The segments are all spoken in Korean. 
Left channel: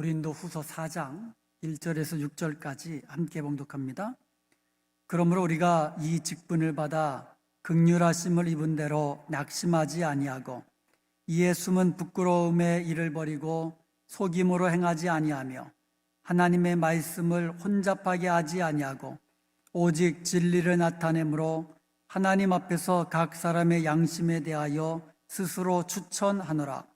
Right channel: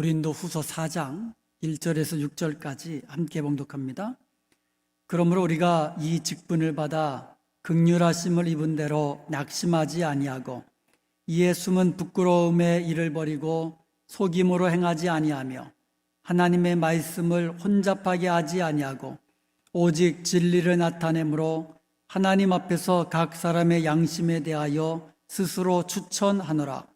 고린도후서 4장 1절에서 6절까지 함께 봉독합니다. 그러므로 우리가 이 직분을 받아 긍휼하심을 입은 대로 낙심하지 아니하고 이에 숨은 부끄러움의 일을 버리고 속임으로 행하지 아니하며 하나님의 말씀을 혼잡하게 하지 아니하고 오직 진리를 나타내므로 하나님 앞에서 각 사람의 양심에 대하여 스스로 추천하노라.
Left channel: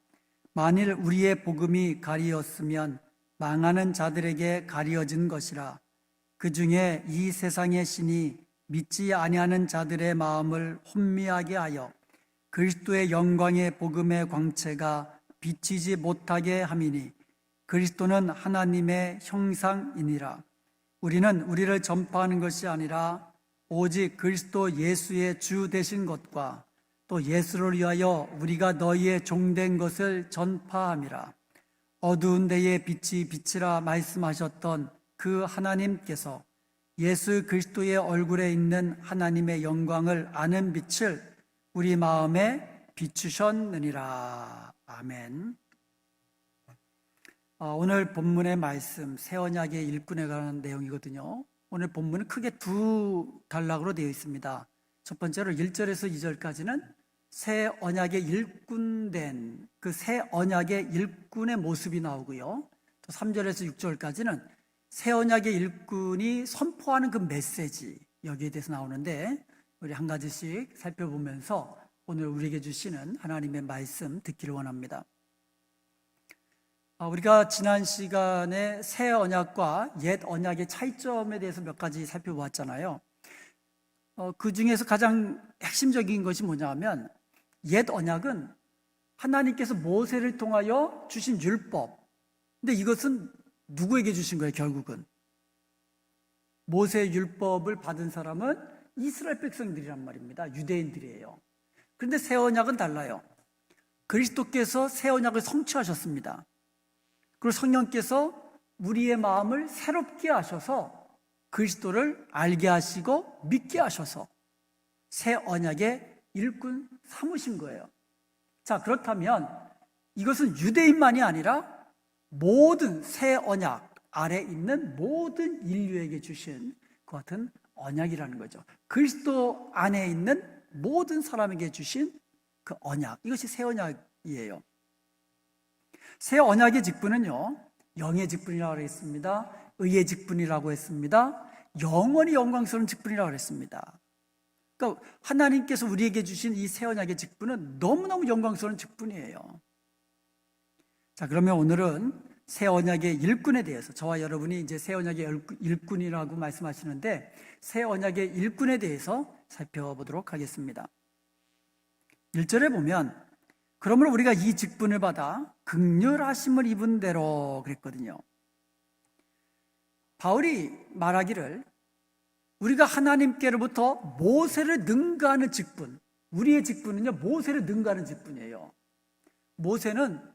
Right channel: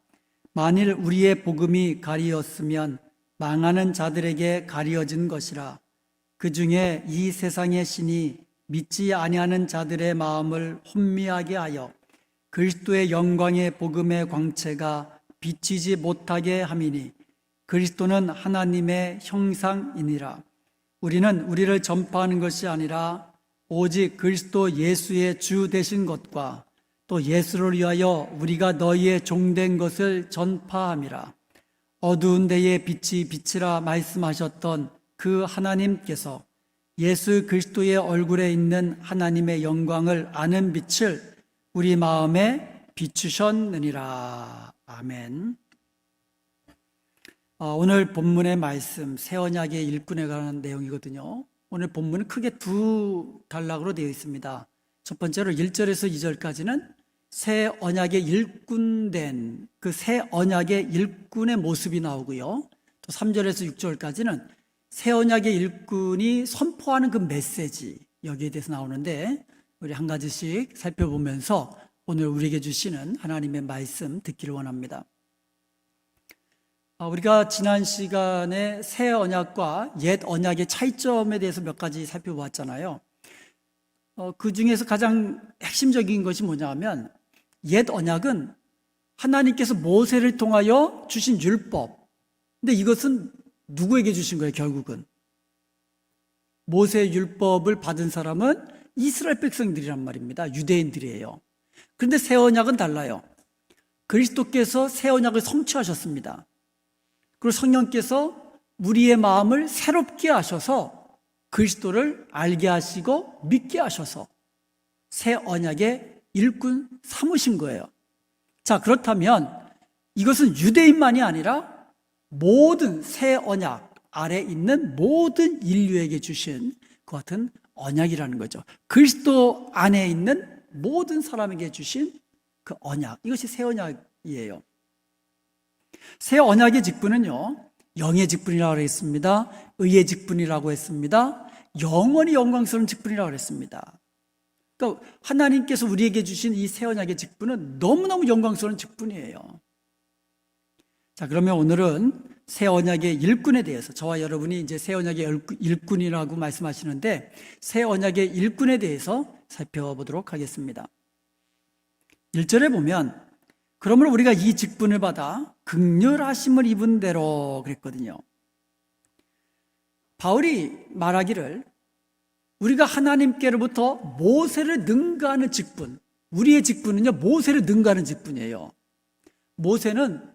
만일 우리의 복음이 가리었으면 망하는 자들에게 가리어진 것이라. 그 중에 이 세상의 신이 믿지 아니하는 자들의 마음을 혼미하게 하여 그리스도의 영광의 복음의 광채가 비치지 못하게 함이니 그리스도는 하나님의 형상이니라. 우리는 우리를 전파하는 것이 아니라 오직 그리스도 예수의 주 되신 것과 또 예수를 위하여 우리가 너희의 종된 것을 전파함이라. 어두운 데에 빛이 비치라 말씀하셨던 그 하나님께서 예수 그리스도의 얼굴에 있는 하나님의 영광을 아는 빛을 우리 마음에 비추셨느니라. 아멘. 오늘 본문의 말씀 새 언약의 일꾼에 관한 내용이거든요. 오늘 본문은 크게 두 단락으로 되어 있습니다. 첫 번째로 1절에서 2절까지는 새 언약의 일꾼된 그 새 언약의 일꾼의 모습이 나오고요. 또 3절에서 6절까지는 새 언약의 일꾼이 선포하는 그 메시지, 여기에 대해서 나오는데 우리 한 가지씩 살펴보면서 오늘 우리에게 주시는 하나님의 말씀 듣기를 원합니다. 우리가 지난 시간에 새 언약과 옛 언약의 차이점에 대해서 몇 가지 살펴보았잖아요. 그 중에서 가장 핵심적인 것이 뭐냐 하면 옛 언약은 하나님께서 모세를 통하여 주신 율법. 근데 이것은 누구에게 주신 거예요, 결국은? 모세의 율법을 받은 사람은 이스라엘 백성들이란 말입니다. 유대인들이에요. 그런데 새 언약은 달라요. 그리스도께서 새 언약을 성취하셨습니다. 그리고 성령께서 우리의 마음을 새롭게 하셔서 그리스도를 알게 하시고 믿게 하셔서 새 언약의 일꾼 삼으신 거예요. 자, 그렇다면 이것은 유대인만이 아니라 모든 새 언약 아래 있는 모든 인류에게 주신 그 같은 언약이라는 거죠. 그리스도 안에 있는 모든 사람에게 주신 그 언약, 이것이 새 언약이에요. 새 언약의 직분은요, 영의 직분이라고 했습니다. 의의 직분이라고 했습니다. 영원히 영광스러운 직분이라고 했습니다. 그러니까 하나님께서 우리에게 주신 이 새 언약의 직분은 너무너무 영광스러운 직분이에요. 자, 그러면 오늘은 새 언약의 일꾼에 대해서, 저와 여러분이 이제 새 언약의 일꾼이라고 말씀하시는데 새 언약의 일꾼에 대해서 살펴보도록 하겠습니다. 1절에 보면 그러므로 우리가 이 직분을 받아 긍휼하심을 입은 대로 그랬거든요. 바울이 말하기를 우리가 하나님께로부터 모세를 능가하는 직분, 우리의 직분은요 모세를 능가하는 직분이에요. 모세는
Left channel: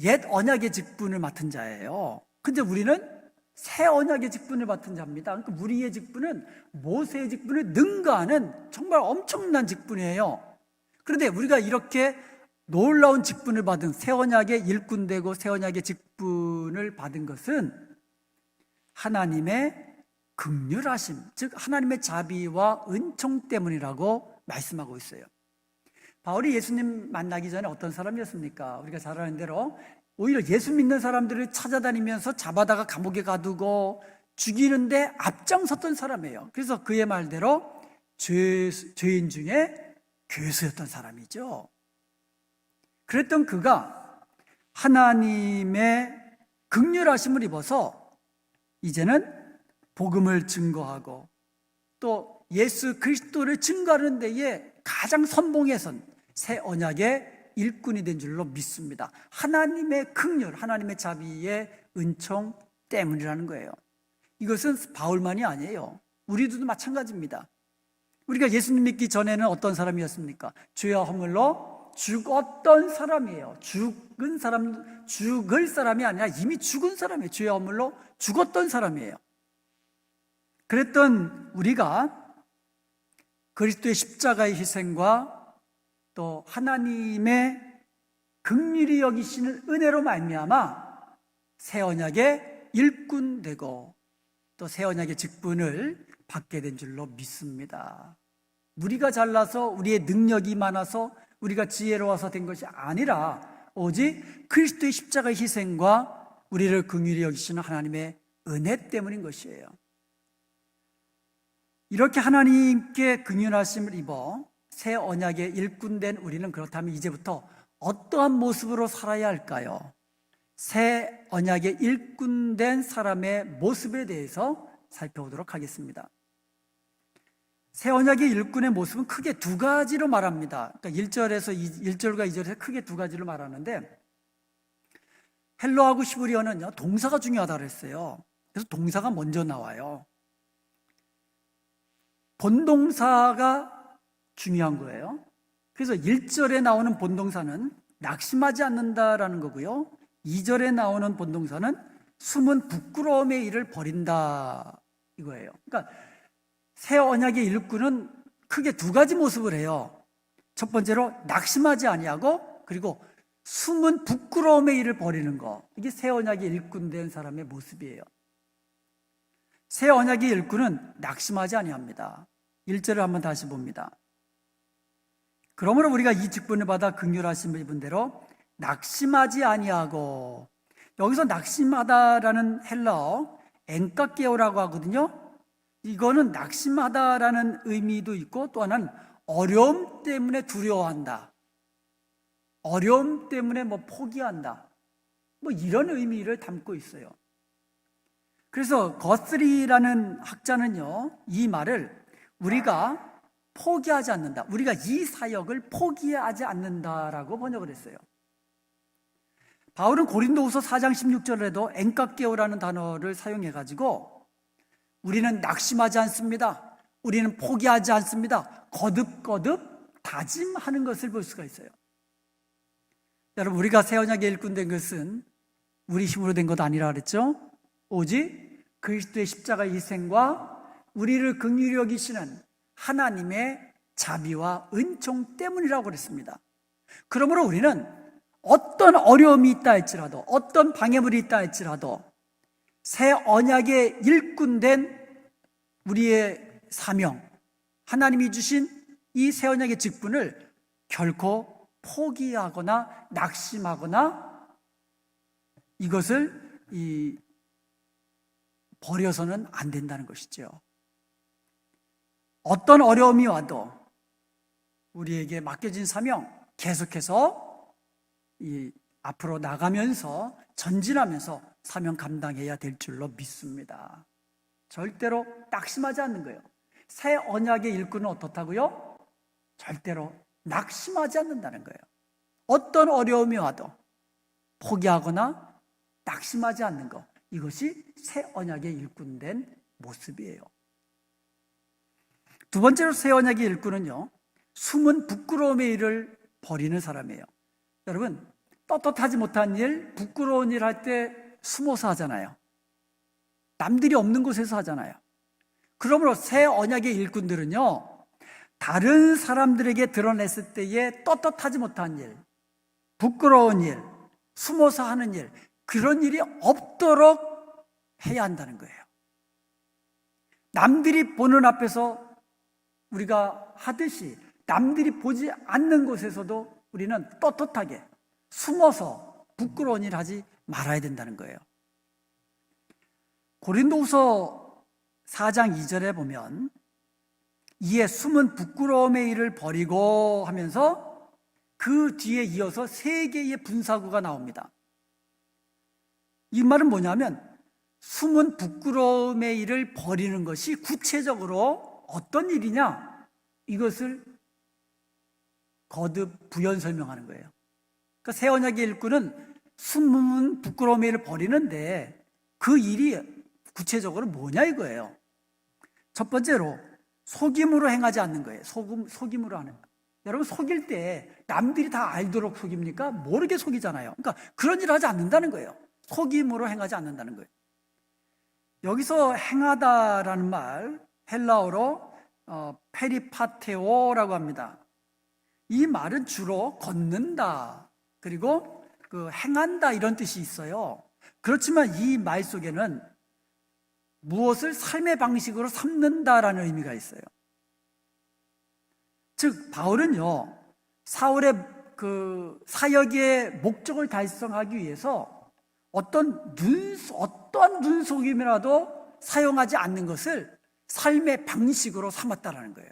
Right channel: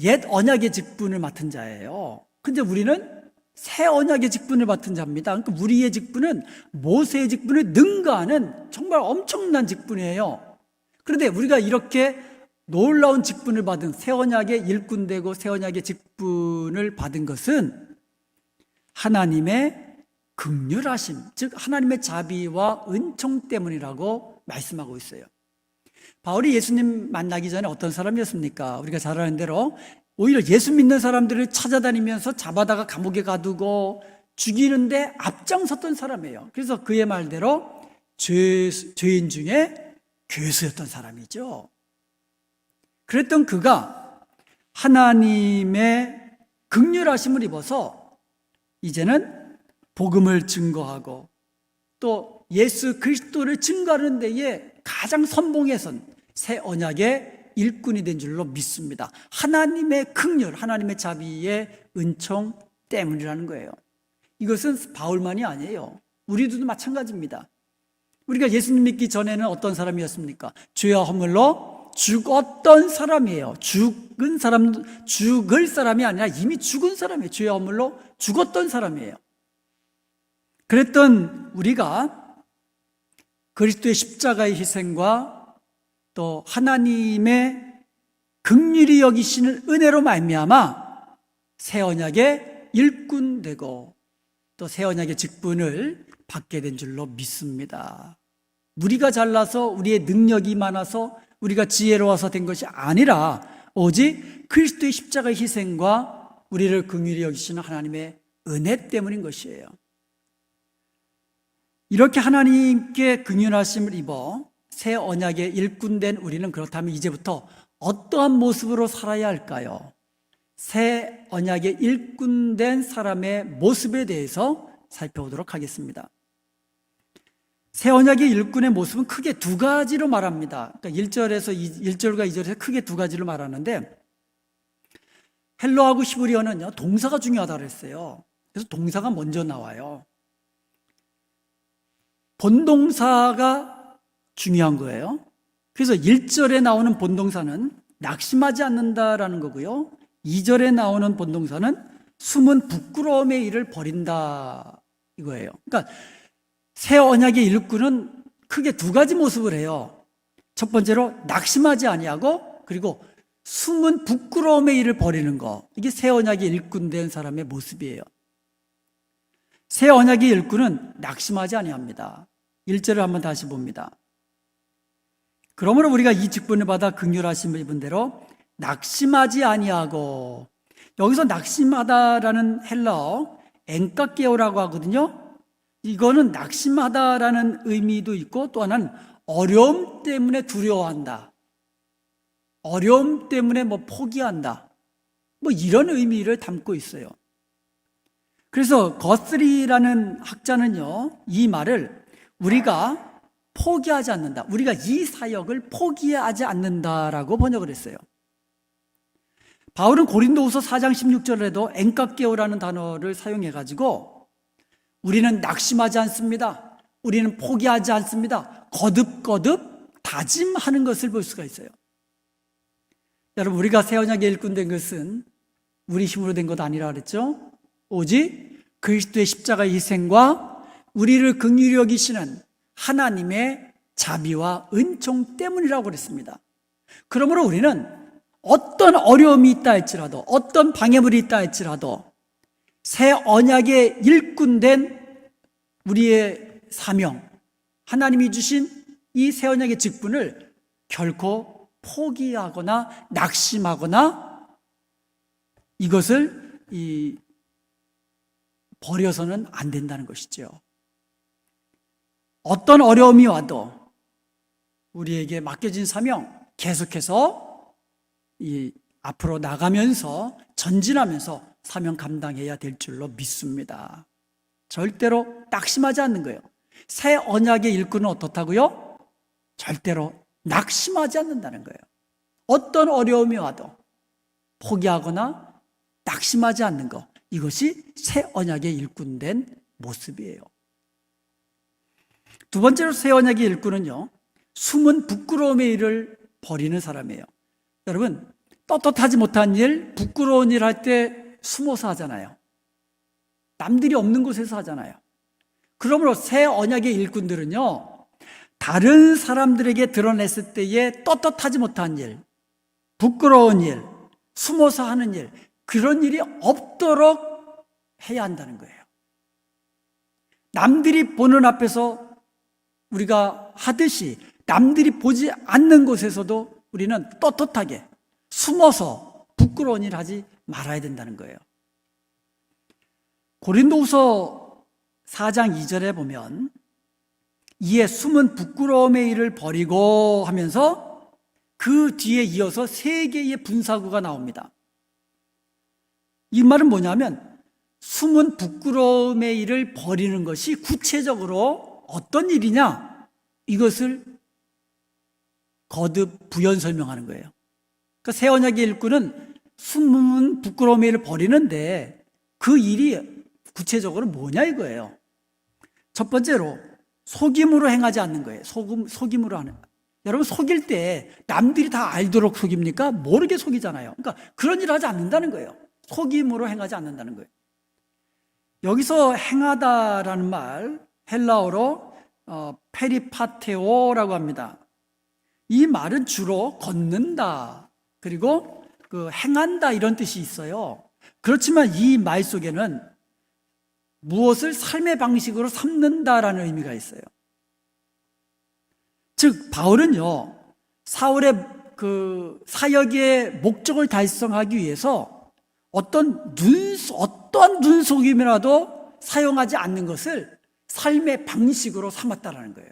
옛 언약의 직분을 맡은 자예요. 근데 우리는 새 언약의 직분을 맡은 자입니다. 그러니까 우리의 직분은 모세의 직분을 능가하는 정말 엄청난 직분이에요. 그런데 우리가 이렇게 놀라운 직분을 받은 새 언약의 일꾼되고 새 언약의 직분을 받은 것은 하나님의 긍휼하심, 즉 하나님의 자비와 은총 때문이라고 말씀하고 있어요. 바울이 예수님 만나기 전에 어떤 사람이었습니까? 우리가 잘 아는 대로 오히려 예수 믿는 사람들을 찾아다니면서 잡아다가 감옥에 가두고 죽이는데 앞장섰던 사람이에요. 그래서 그의 말대로 죄인 중에 괴수였던 사람이죠. 그랬던 그가 하나님의 긍휼하심을 입어서 이제는 복음을 증거하고 또 예수 그리스도를 증거하는 데에 가장 선봉에 선 새 언약의 일꾼이 된 줄로 믿습니다. 하나님의 긍휼, 하나님의 자비의 은총 때문이라는 거예요. 이것은 바울만이 아니에요. 우리들도 마찬가지입니다. 우리가 예수님 믿기 전에는 어떤 사람이었습니까? 죄와 허물로 죽었던 사람이에요. 죽을 사람이 아니라 이미 죽은 사람이에요. 죄와 허물로 죽었던 사람이에요. 그랬던 우리가 그리스도의 십자가의 희생과 또 하나님의 긍휼히 여기시는 은혜로 말미암아 새 언약의 일꾼 되고 또 새 언약의 직분을 받게 된 줄로 믿습니다. 우리가 잘나서 우리의 능력이 많아서 우리가 지혜로워서 된 것이 아니라 오직 그리스도의 십자가의 희생과 우리를 긍휼히 여기시는 하나님의 은혜 때문인 것이에요. 이렇게 하나님께 긍휼하심을 입어 새 언약의 일꾼된 우리는 그렇다면 이제부터 어떠한 모습으로 살아야 할까요? 새 언약의 일꾼된 사람의 모습에 대해서 살펴보도록 하겠습니다. 새 언약의 일꾼의 모습은 크게 두 가지로 말합니다. 그러니까 1절과 2절에서 크게 두 가지로 말하는데, 헬라어하고 히브리어는요, 동사가 중요하다고 그랬어요. 그래서 동사가 먼저 나와요. 본동사가 중요한 거예요. 그래서 1절에 나오는 본동사는 낙심하지 않는다라는 거고요. 2절에 나오는 본동사는 숨은 부끄러움의 일을 버린다 이거예요. 그러니까 새 언약의 일꾼은 크게 두 가지 모습을 해요. 첫 번째로 낙심하지 아니하고, 그리고 숨은 부끄러움의 일을 버리는 거. 이게 새 언약의 일꾼된 사람의 모습이에요. 새 언약의 일꾼은 낙심하지 아니합니다. 1절을 한번 다시 봅니다. 그러므로 우리가 이 직분을 받아 긍휼하심을 입은 대로 낙심하지 아니하고, 여기서 낙심하다라는 헬라어 엔카케오라고 하거든요. 이거는 낙심하다라는 의미도 있고 또 하나는 어려움 때문에 두려워한다, 어려움 때문에 포기한다, 이런 의미를 담고 있어요. 그래서 거스리라는 학자는요, 이 말을 우리가 포기하지 않는다, 우리가 이 사역을 포기하지 않는다라고 번역을 했어요. 바울은 고린도후서 4장 16절에도 엔카케오라는 단어를 사용해가지고 우리는 낙심하지 않습니다, 우리는 포기하지 않습니다, 거듭거듭 다짐하는 것을 볼 수가 있어요. 여러분, 우리가 새 언약의 일꾼 된 것은 우리 힘으로 된 것 아니라 그랬죠. 오직 그리스도의 십자가의 희생과 우리를 긍휼히 여기시는 하나님의 자비와 은총 때문이라고 그랬습니다. 그러므로 우리는 어떤 어려움이 있다 할지라도, 어떤 방해물이 있다 할지라도 새 언약의 일꾼된 우리의 사명, 하나님이 주신 이 새 언약의 직분을 결코 포기하거나 낙심하거나 이것을 버려서는 안 된다는 것이죠. 어떤 어려움이 와도 우리에게 맡겨진 사명 계속해서 앞으로 나가면서 전진하면서 사명 감당해야 될 줄로 믿습니다. 절대로 낙심하지 않는 거예요. 새 언약의 일꾼은 어떻다고요? 절대로 낙심하지 않는다는 거예요. 어떤 어려움이 와도 포기하거나 낙심하지 않는 것, 이것이 새 언약의 일꾼된 모습이에요. 두 번째로 새 언약의 일꾼은요, 숨은 부끄러움의 일을 버리는 사람이에요. 여러분, 떳떳하지 못한 일, 부끄러운 일 할 때 숨어서 하잖아요. 남들이 없는 곳에서 하잖아요. 그러므로 새 언약의 일꾼들은요, 다른 사람들에게 드러냈을 때에 떳떳하지 못한 일, 부끄러운 일, 숨어서 하는 일, 그런 일이 없도록 해야 한다는 거예요. 남들이 보는 앞에서 우리가 하듯이 남들이 보지 않는 곳에서도 우리는 떳떳하게 숨어서 부끄러운 일 하지 말아야 된다는 거예요. 고린도후서 4장 2절에 보면 이에 숨은 부끄러움의 일을 버리고 하면서 그 뒤에 이어서 세 개의 분사구가 나옵니다. 이 말은 뭐냐면 숨은 부끄러움의 일을 버리는 것이 구체적으로 어떤 일이냐, 이것을 거듭 부연 설명하는 거예요. 그러니까 새 언약의 일꾼은 숨은 부끄러움의 일을 버리는데 그 일이 구체적으로 뭐냐 이거예요. 첫 번째로 속임으로 행하지 않는 거예요. 속임으로 하는. 여러분, 속일 때 남들이 다 알도록 속입니까? 모르게 속이잖아요. 그러니까 그런 일을 하지 않는다는 거예요. 속임으로 행하지 않는다는 거예요. 여기서 행하다라는 말, 헬라어로 페리파테오라고 합니다. 이 말은 주로 걷는다, 그리고 행한다, 이런 뜻이 있어요. 그렇지만 이 말 속에는 무엇을 삶의 방식으로 삼는다라는 의미가 있어요. 즉 바울은요, 사울의 그 사역의 목적을 달성하기 위해서 어떠한 눈속임이라도 사용하지 않는 것을 삶의 방식으로 삼았다라는 거예요.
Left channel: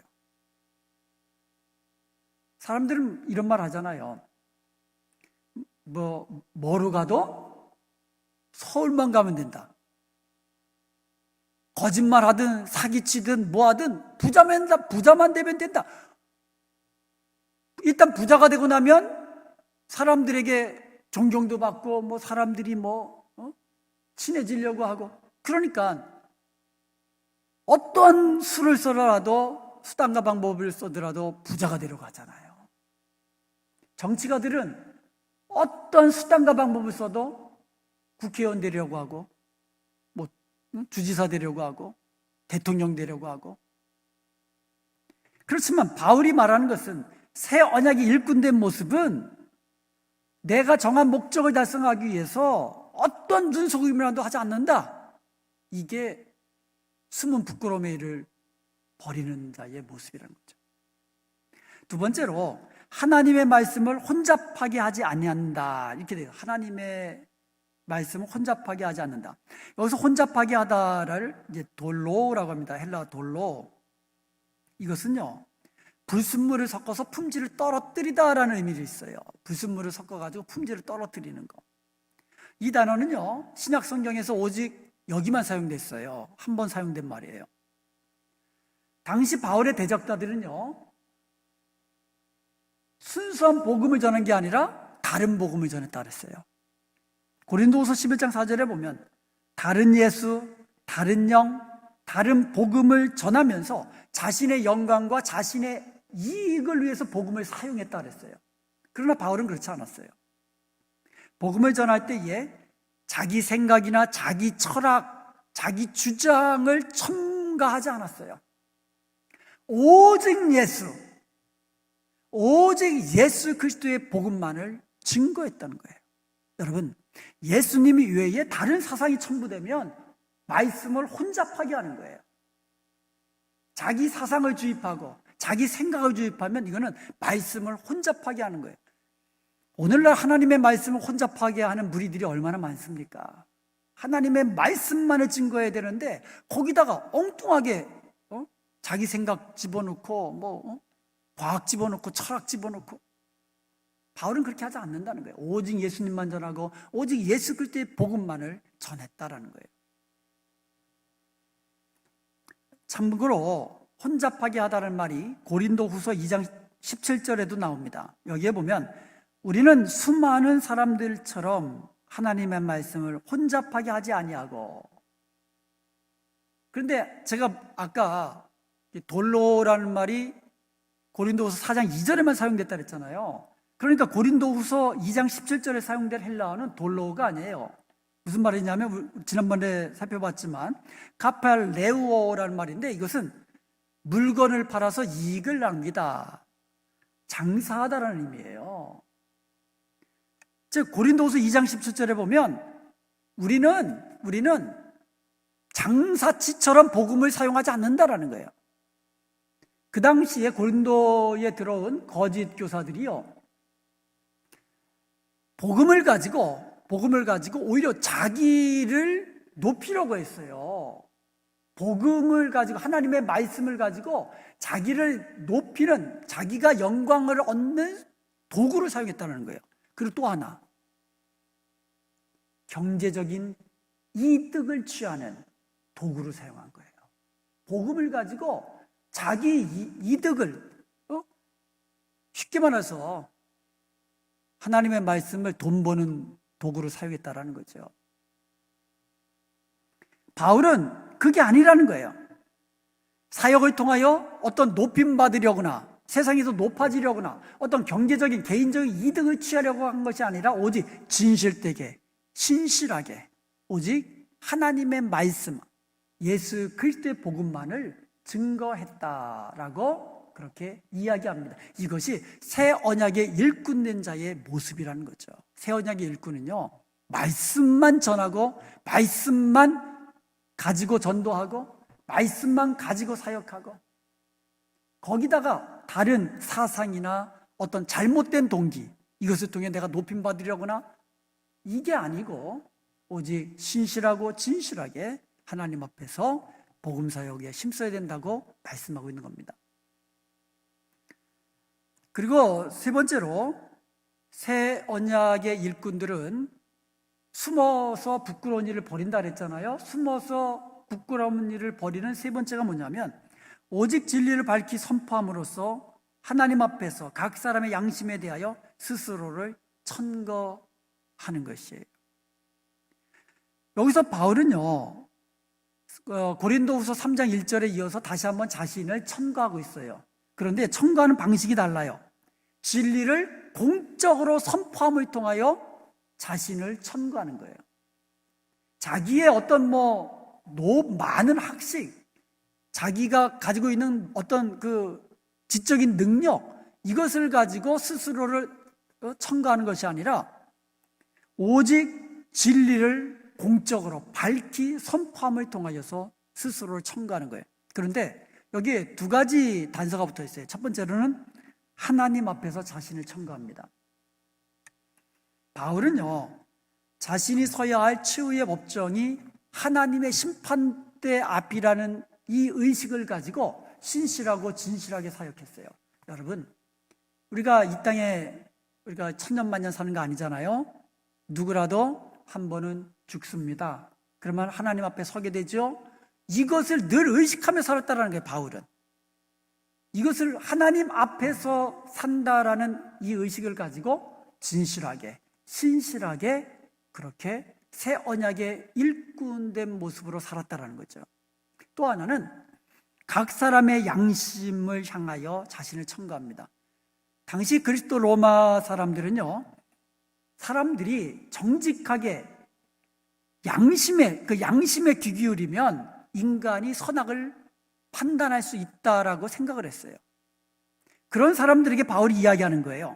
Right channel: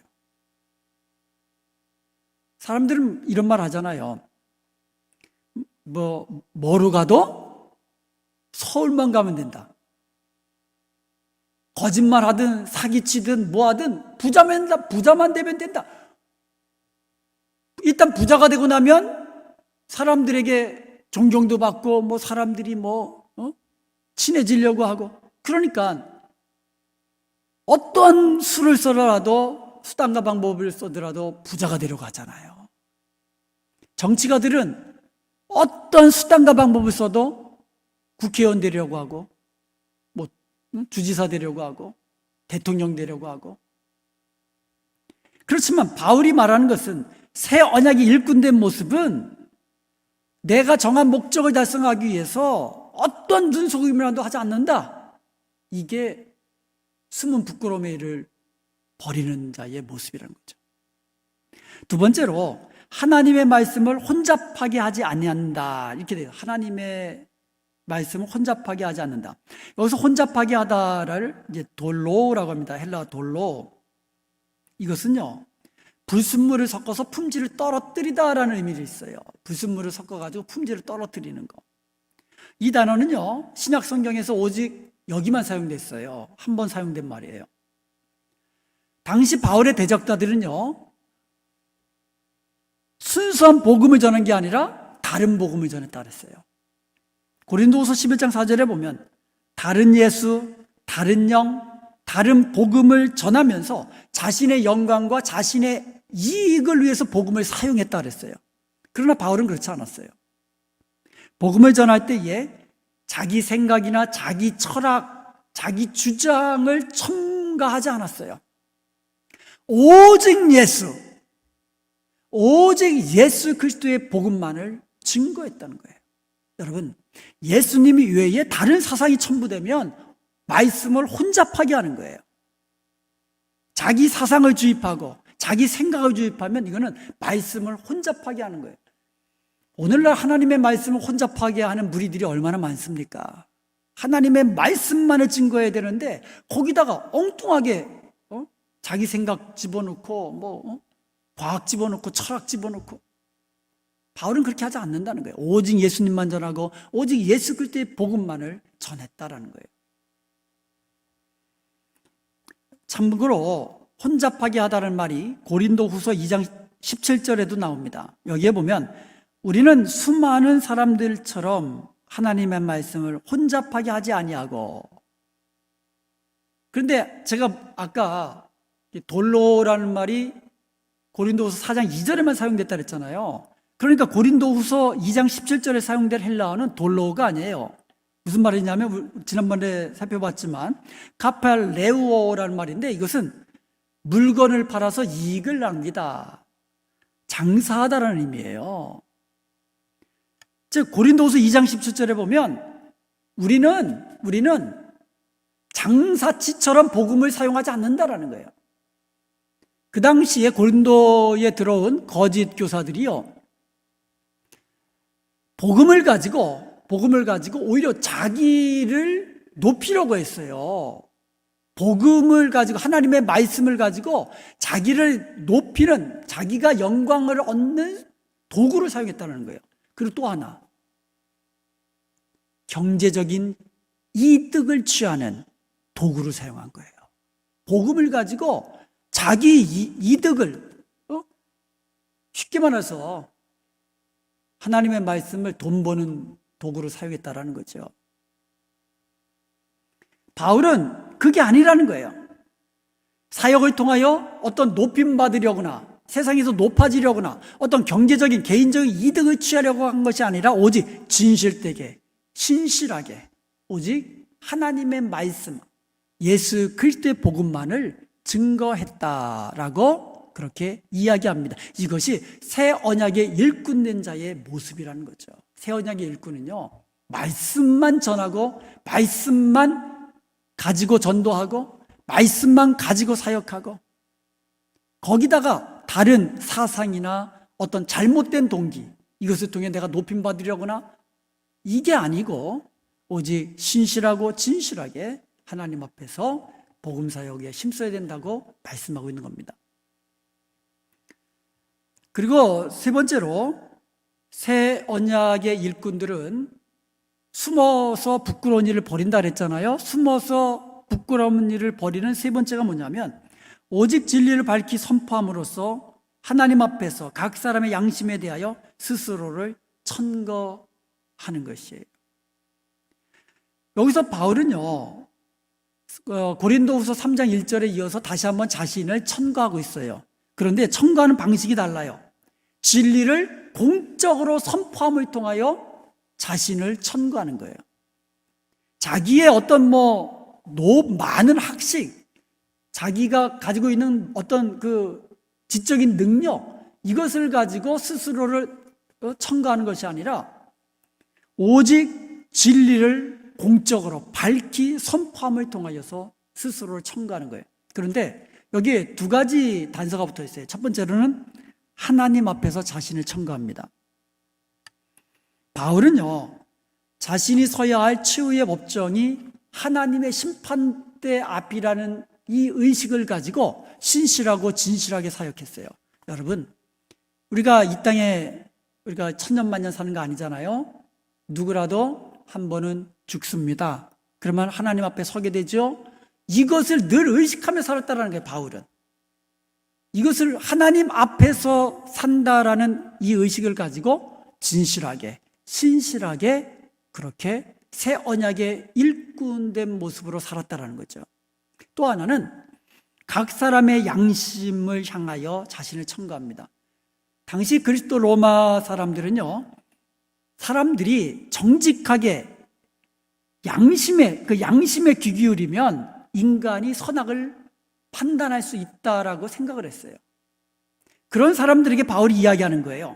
사람들은 이런 말 하잖아요. 뭐로 가도 서울만 가면 된다. 거짓말하든 사기치든 뭐하든 부자만 되면 된다. 일단 부자가 되고 나면 사람들에게 존경도 받고 사람들이 친해지려고 하고, 그러니까 어떤 수를 써더라도 수단과 방법을 써더라도 부자가 되려고 하잖아요. 정치가들은 어떤 수단과 방법을 써도 국회의원 되려고 하고 주지사 되려고 하고 대통령 되려고 하고. 그렇지만 바울이 말하는 것은 새 언약이 일꾼된 모습은 내가 정한 목적을 달성하기 위해서 어떤 눈속임이라도 하지 않는다. 이게 숨은 부끄러움의 일을 버리는 자의 모습이라는 거죠. 두 번째로 하나님의 말씀을 혼잡하게 하지 아니한다. 이렇게 돼요. 하나님의 말씀을 혼잡하게 하지 않는다. 여기서 혼잡하게 하다를 이제 돌로라고 합니다. 헬라 돌로. 이것은요, 불순물을 섞어서 품질을 떨어뜨리다라는 의미도 있어요. 불순물을 섞어가지고 품질을 떨어뜨리는 거. 이 단어는요, 신약 성경에서 오직 여기만 사용됐어요. 한 번 사용된 말이에요. 당시 바울의 대적자들은요, 순수한 복음을 전한 게 아니라 다른 복음을 전했다 그랬어요. 고린도후서 11장 4절에 보면 다른 예수, 다른 영, 다른 복음을 전하면서 자신의 영광과 자신의 이익을 위해서 복음을 사용했다 그랬어요. 그러나 바울은 그렇지 않았어요. 복음을 전할 때에 자기 생각이나 자기 철학, 자기 주장을 첨가하지 않았어요. 오직 예수 그리스도의 복음만을 증거했다는 거예요. 여러분, 예수님이 외에 다른 사상이 첨부되면 말씀을 혼잡하게 하는 거예요. 자기 사상을 주입하고 자기 생각을 주입하면 이거는 말씀을 혼잡하게 하는 거예요. 오늘날 하나님의 말씀을 혼잡하게 하는 무리들이 얼마나 많습니까? 하나님의 말씀만을 증거해야 되는데 거기다가 엉뚱하게 자기 생각 집어넣고 과학 집어넣고 철학 집어넣고. 바울은 그렇게 하지 않는다는 거예요. 오직 예수님만 전하고 오직 예수 그리스도의 복음만을 전했다라는 거예요. 참고로 혼잡하게 하다는 말이 고린도후서 2장 17절에도 나옵니다. 여기에 보면 우리는 수많은 사람들처럼 하나님의 말씀을 혼잡하게 하지 아니하고. 그런데 제가 아까 돌로라는 말이 고린도후서 4장 2절에만 사용됐다 그랬잖아요. 그러니까 고린도후서 2장 17절에 사용된 헬라어는 돌로가 아니에요. 무슨 말이냐면 지난번에 살펴봤지만 카팔레우어라는 말인데 이것은 물건을 팔아서 이익을 납니다. 장사하다라는 의미예요. 즉 고린도후서 2장 17절에 보면 우리는 장사치처럼 복음을 사용하지 않는다라는 거예요. 그 당시에 고린도에 들어온 거짓 교사들이요, 복음을 가지고 오히려 자기를 높이려고 했어요. 복음을 가지고 하나님의 말씀을 가지고 자기를 높이는, 자기가 영광을 얻는 도구를 사용했다는 거예요. 그리고 또 하나, 경제적인 이득을 취하는 도구를 사용한 거예요. 복음을 가지고 자기 이득을, 쉽게 말해서 하나님의 말씀을 돈 버는 도구로 사용했다라는 거죠. 바울은 그게 아니라는 거예요. 사역을 통하여 어떤 높임 받으려거나 세상에서 높아지려거나 어떤 경제적인 개인적인 이득을 취하려고 한 것이 아니라 오직 진실되게 신실하게 오직 하나님의 말씀, 예수 그리스도의 복음만을 증거했다라고 그렇게 이야기합니다. 이것이 새 언약의 일꾼된 자의 모습이라는 거죠. 새 언약의 일꾼은요, 말씀만 전하고 말씀만 가지고 전도하고 말씀만 가지고 사역하고 거기다가 다른 사상이나 어떤 잘못된 동기 이것을 통해 내가 높임 받으려거나 이게 아니고 오직 신실하고 진실하게 하나님 앞에서 복음 사역에 힘써야 된다고 말씀하고 있는 겁니다. 그리고 세 번째로 새 언약의 일꾼들은 숨어서 부끄러운 일을 벌인다 그랬잖아요. 숨어서 부끄러운 일을 벌이는 세 번째가 뭐냐면 오직 진리를 밝히 선포함으로써 하나님 앞에서 각 사람의 양심에 대하여 스스로를 천거하는 것이에요. 여기서 바울은요, 고린도후서 3장 1절에 이어서 다시 한번 자신을 천거하고 있어요. 그런데 천거하는 방식이 달라요. 진리를 공적으로 선포함을 통하여 자신을 천거하는 거예요. 자기의 어떤 많은 학식, 자기가 가지고 있는 어떤 그 지적인 능력, 이것을 가지고 스스로를 천거하는 것이 아니라 오직 진리를 공적으로 밝히 선포함을 통하여서 스스로를 천거하는 거예요. 그런데 여기에 두 가지 단서가 붙어 있어요. 첫 번째로는 하나님 앞에서 자신을 천거합니다. 바울은요, 자신이 서야 할 최후의 법정이 하나님의 심판대 앞이라는 이 의식을 가지고 신실하고 진실하게 사역했어요. 여러분, 우리가 이 땅에 우리가 천년만년 사는 거 아니잖아요. 누구라도 한 번은 죽습니다. 그러면 하나님 앞에 서게 되죠. 이것을 늘 의식하며 살았다는 거예요. 바울은 이것을 하나님 앞에서 산다라는 이 의식을 가지고 진실하게 신실하게 그렇게 새 언약의 일꾼된 모습으로 살았다라는 거죠. 또 하나는 각 사람의 양심을 향하여 자신을 천거합니다. 당시 그리스도 로마 사람들은요, 사람들이 정직하게 양심에 귀 기울이면 인간이 선악을 판단할 수 있다라고 생각을 했어요. 그런 사람들에게 바울이 이야기하는 거예요.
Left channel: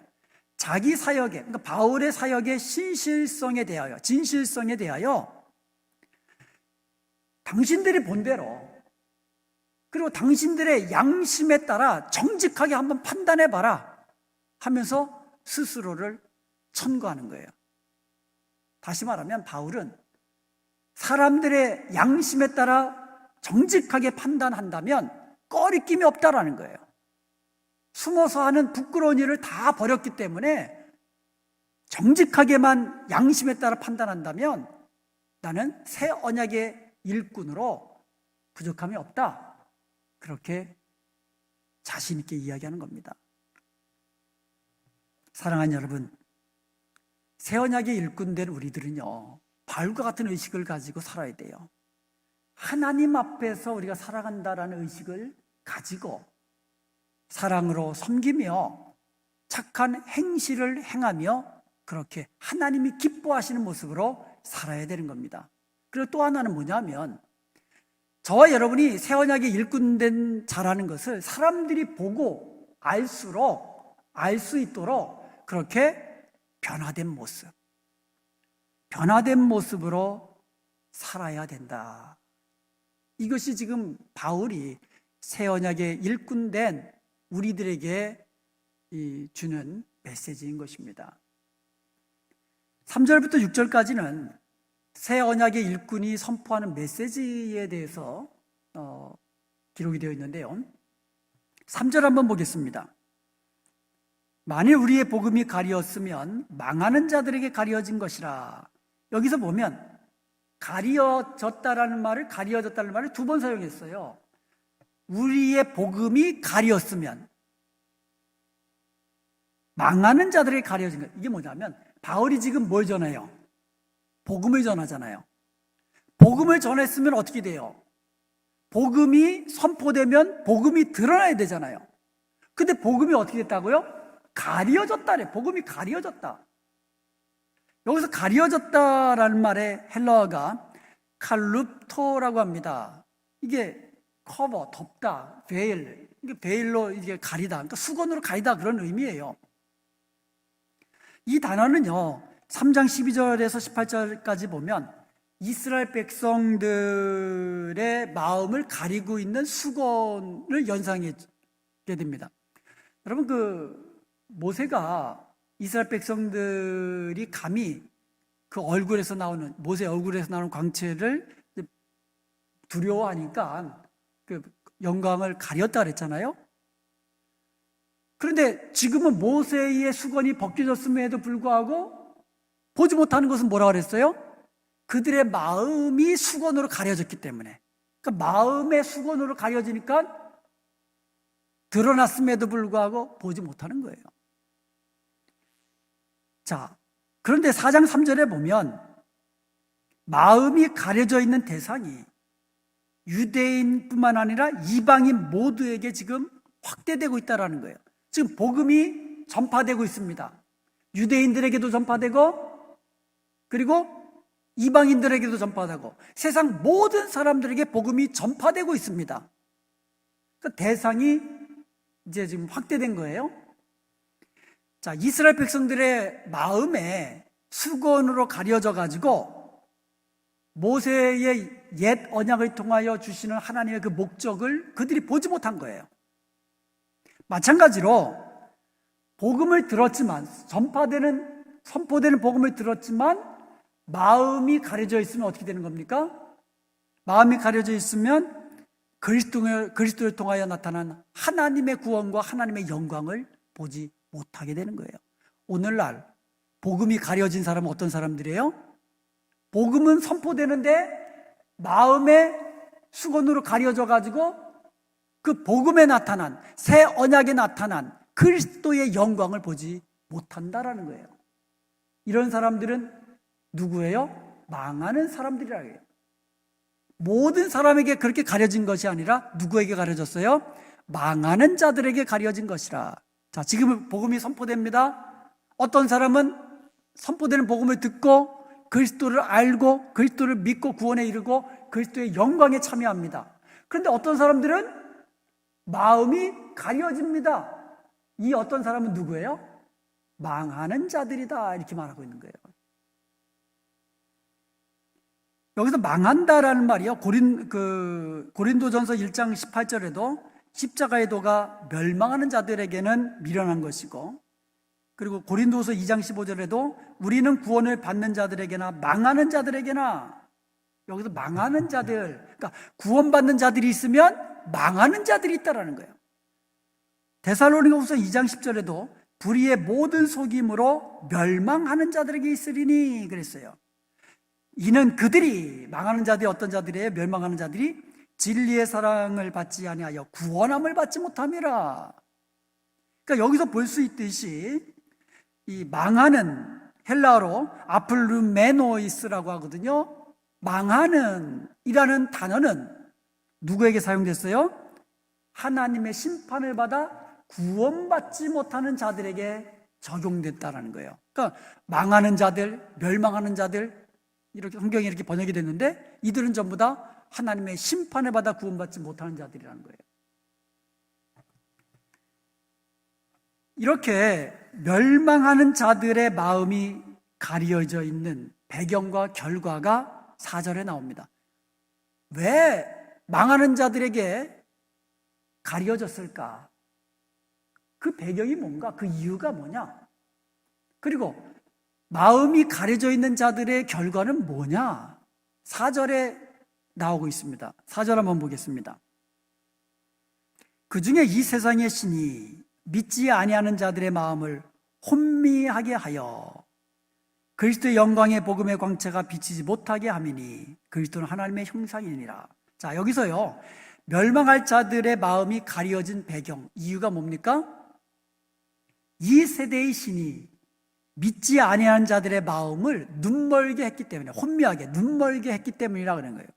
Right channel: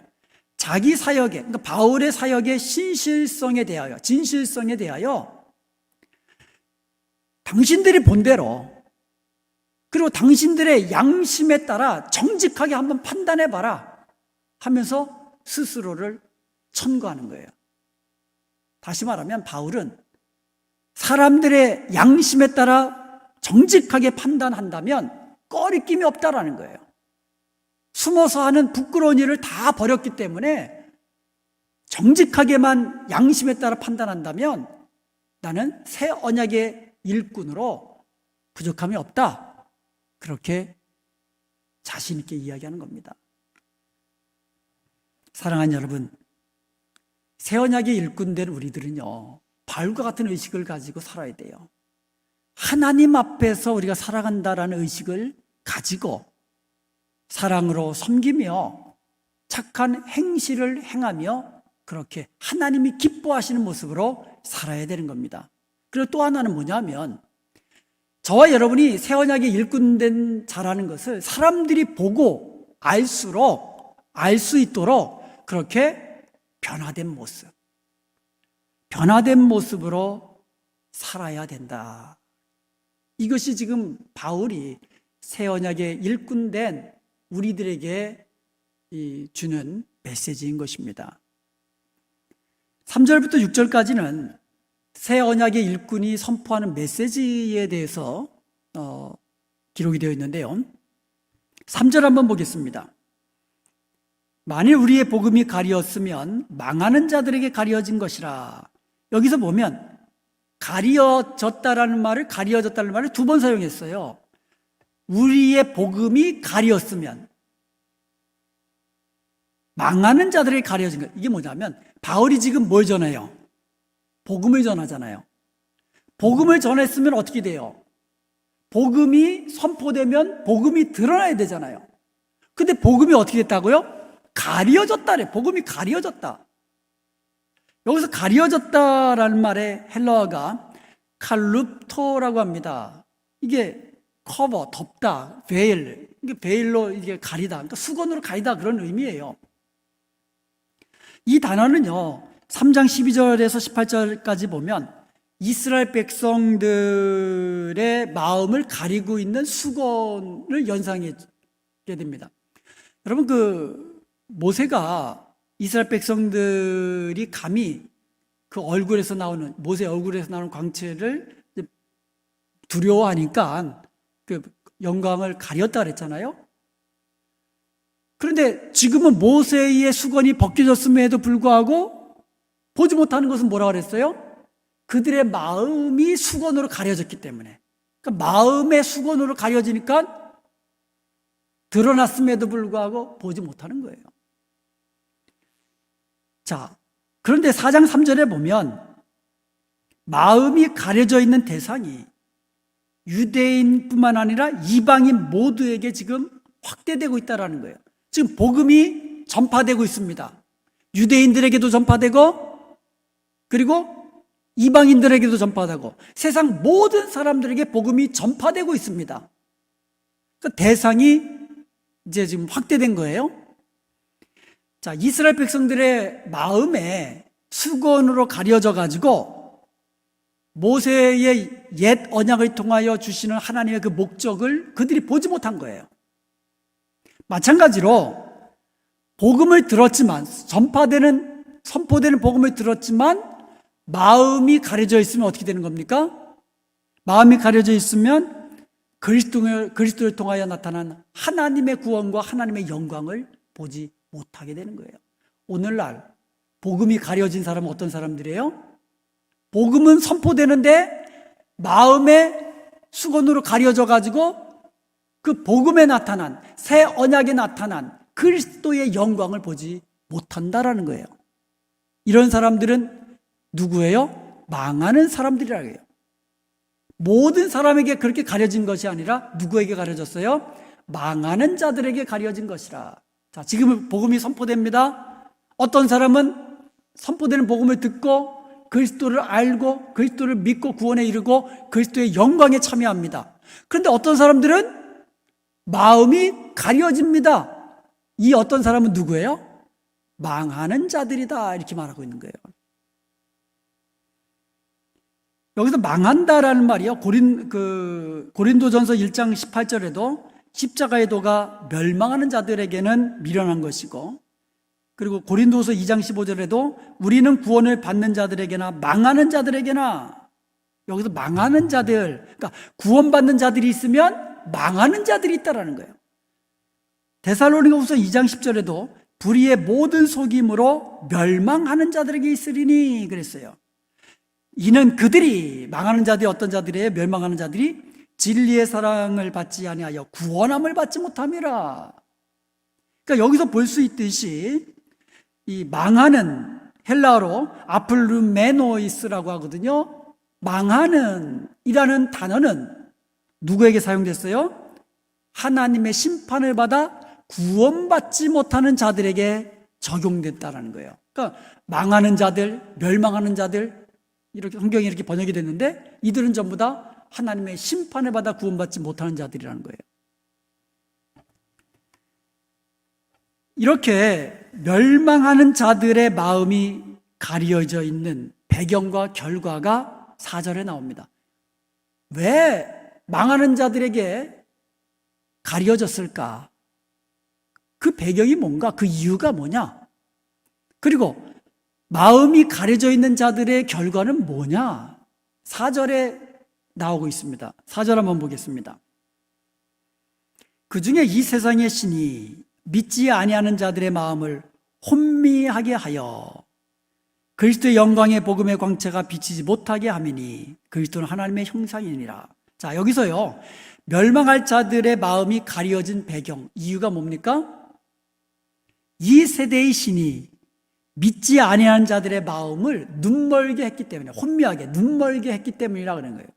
자기 사역에, 그러니까 바울의 사역의 신실성에 대하여, 진실성에 대하여 당신들이 본대로 그리고 당신들의 양심에 따라 정직하게 한번 판단해봐라 하면서 스스로를 천거하는 거예요. 다시 말하면 바울은 사람들의 양심에 따라 정직하게 판단한다면 꺼리낌이 없다라는 거예요. 숨어서 하는 부끄러운 일을 다 버렸기 때문에 정직하게만 양심에 따라 판단한다면 나는 새 언약의 일꾼으로 부족함이 없다. 그렇게 자신 있게 이야기하는 겁니다. 사랑하는 여러분, 새 언약의 일꾼된 우리들은요, 바울과 같은 의식을 가지고 살아야 돼요. 하나님 앞에서 우리가 살아간다라는 의식을 가지고 사랑으로 섬기며 착한 행실을 행하며 그렇게 하나님이 기뻐하시는 모습으로 살아야 되는 겁니다. 그리고 또 하나는 뭐냐면 저와 여러분이 새 언약의 일꾼된 자라는 것을 사람들이 보고 알수록 알 수 있도록 그렇게 변화된 모습으로 살아야 된다. 이것이 지금 바울이 새 언약의 일꾼된 우리들에게 주는 메시지인 것입니다. 3절부터 6절까지는 새 언약의 일꾼이 선포하는 메시지에 대해서 기록이 되어 있는데요. 3절 한번 보겠습니다. 만일 우리의 복음이 가리었으면 망하는 자들에게 가리어진 것이라. 여기서 보면 가리어졌다는 말을 두 번 사용했어요. 우리의 복음이 가리었으면 망하는 자들에게 가려진 것. 이게 뭐냐면 바울이 지금 뭘 전해요? 복음을 전하잖아요. 복음을 전했으면 어떻게 돼요? 복음이 선포되면 복음이 드러나야 되잖아요. 근데 복음이 어떻게 됐다고요? 가려졌다래. 복음이 가려졌다. 여기서 가려졌다라는 말의 헬라어가 칼룹토라고 합니다. 이게 커버, 덮다, 베일, 이게 베일로 이게 가리다, 그러니까 수건으로 가리다 그런 의미예요. 이 단어는요, 3장 12절에서 18절까지 보면 이스라엘 백성들의 마음을 가리고 있는 수건을 연상하게 됩니다. 여러분, 모세가 이스라엘 백성들이 감히 그 얼굴에서 나오는, 모세 얼굴에서 나오는 광채를 두려워하니까 그 영광을 가렸다 그랬잖아요. 그런데 지금은 모세의 수건이 벗겨졌음에도 불구하고 보지 못하는 것은 뭐라 그랬어요? 그들의 마음이 수건으로 가려졌기 때문에. 그러니까 마음의 수건으로 가려지니까 드러났음에도 불구하고 보지 못하는 거예요. 자, 그런데 4장 3절에 보면 마음이 가려져 있는 대상이 유대인뿐만 아니라 이방인 모두에게 지금 확대되고 있다는 거예요. 지금 복음이 전파되고 있습니다. 유대인들에게도 전파되고, 그리고 이방인들에게도 전파되고, 세상 모든 사람들에게 복음이 전파되고 있습니다. 그 대상이 이제 지금 확대된 거예요. 자, 이스라엘 백성들의 마음에 수건으로 가려져 가지고 모세의 옛 언약을 통하여 주시는 하나님의 그 목적을 그들이 보지 못한 거예요. 마찬가지로 복음을 들었지만, 선포되는 복음을 들었지만 마음이 가려져 있으면 어떻게 되는 겁니까? 마음이 가려져 있으면 그리스도를 통하여 나타난 하나님의 구원과 하나님의 영광을 보지 못하게 되는 거예요. 오늘날 복음이 가려진 사람은 어떤 사람들이에요? 복음은 선포되는데 마음의 수건으로 가려져 가지고 그 복음에 나타난, 새 언약에 나타난 그리스도의 영광을 보지 못한다라는 거예요. 이런 사람들은 누구예요? 망하는 사람들이라고 해요. 모든 사람에게 그렇게 가려진 것이 아니라 누구에게 가려졌어요? 망하는 자들에게 가려진 것이라. 자, 지금 복음이 선포됩니다. 어떤 사람은 선포되는 복음을 듣고 그리스도를 알고 그리스도를 믿고 구원에 이르고 그리스도의 영광에 참여합니다. 그런데 어떤 사람들은 마음이 가려집니다. 이 어떤 사람은 누구예요? 망하는 자들이다, 이렇게 말하고 있는 거예요. 여기서 망한다라는 말이요, 고린도전서 1장 18절에도 십자가의 도가 멸망하는 자들에게는 미련한 것이고, 그리고 고린도서 2장 15절에도 우리는 구원을 받는 자들에게나 망하는 자들에게나, 여기서 망하는 자들, 그러니까 구원받는 자들이 있으면 망하는 자들이 있다라는 거예요. 데살로니가후서 2장 10절에도 불의의 모든 속임으로 멸망하는 자들에게 있으리니 그랬어요. 이는 그들이, 망하는 자들이 어떤 자들이에요? 멸망하는 자들이 진리의 사랑을 받지 아니하여 구원함을 받지 못함이라. 그러니까 여기서 볼 수 있듯이 이 망하는, 헬라어로 아플루메노이스라고 하거든요. 망하는 이라는 단어는 누구에게 사용됐어요? 하나님의 심판을 받아 구원받지 못하는 자들에게 적용됐다는 거예요. 그러니까 망하는 자들, 멸망하는 자들, 이렇게 성경이 이렇게 번역이 됐는데 이들은 전부 다 하나님의 심판을 받아 구원받지 못하는 자들이라는 거예요. 이렇게 멸망하는 자들의 마음이 가려져 있는 배경과 결과가 4절에 나옵니다. 왜 망하는 자들에게 가려졌을까? 그 배경이 뭔가? 그 이유가 뭐냐? 그리고 마음이 가려져 있는 자들의 결과는 뭐냐? 4절에 나오고 있습니다. 4절 한번 보겠습니다. 그 중에 이 세상의 신이 믿지 아니하는 자들의 마음을 혼미하게 하여 그리스도의 영광의 복음의 광채가 비치지 못하게 함이니 그리스도는 하나님의 형상이니라. 자, 여기서요, 멸망할 자들의 마음이 가려진 배경, 이유가 뭡니까? 이 세대의 신이 믿지 아니하는 자들의 마음을 눈멀게 했기 때문에, 혼미하게 눈멀게 했기 때문이라 그런 거예요.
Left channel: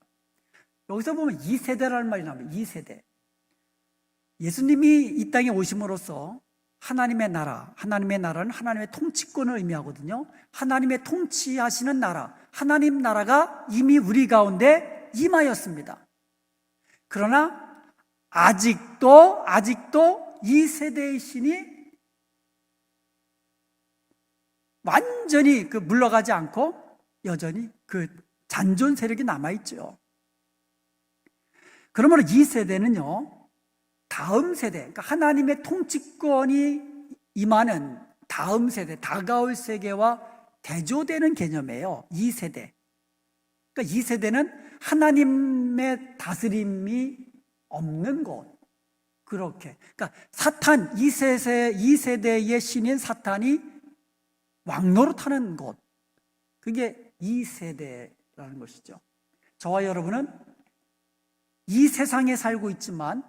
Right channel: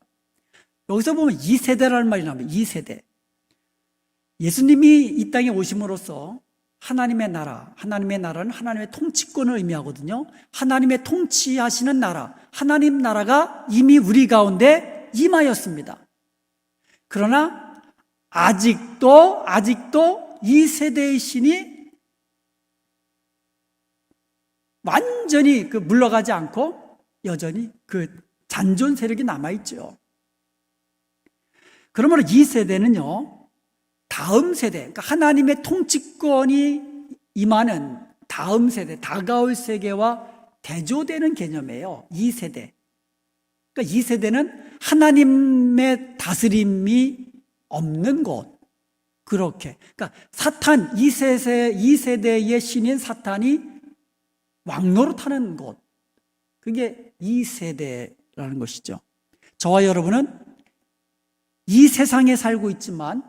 여기서 보면 이 세대라는 말이 나옵니다. 이 세대. 예수님이 이 땅에 오심으로써 하나님의 나라는 하나님의 통치권을 의미하거든요. 하나님의 통치하시는 나라, 하나님 나라가 이미 우리 가운데 임하였습니다. 그러나 아직도 이 세대의 신이 완전히 물러가지 않고 여전히 그 잔존 세력이 남아있죠. 그러므로 이 세대는요, 다음 세대, 그러니까 하나님의 통치권이 임하는 다음 세대, 다가올 세계와 대조되는 개념이에요. 이 세대. 그러니까 이 세대는 하나님의 다스림이 없는 곳. 그렇게. 그러니까 사탄, 이 세대의 신인 사탄이 왕노릇하는 곳. 그게 이 세대라는 것이죠. 저와 여러분은 이 세상에 살고 있지만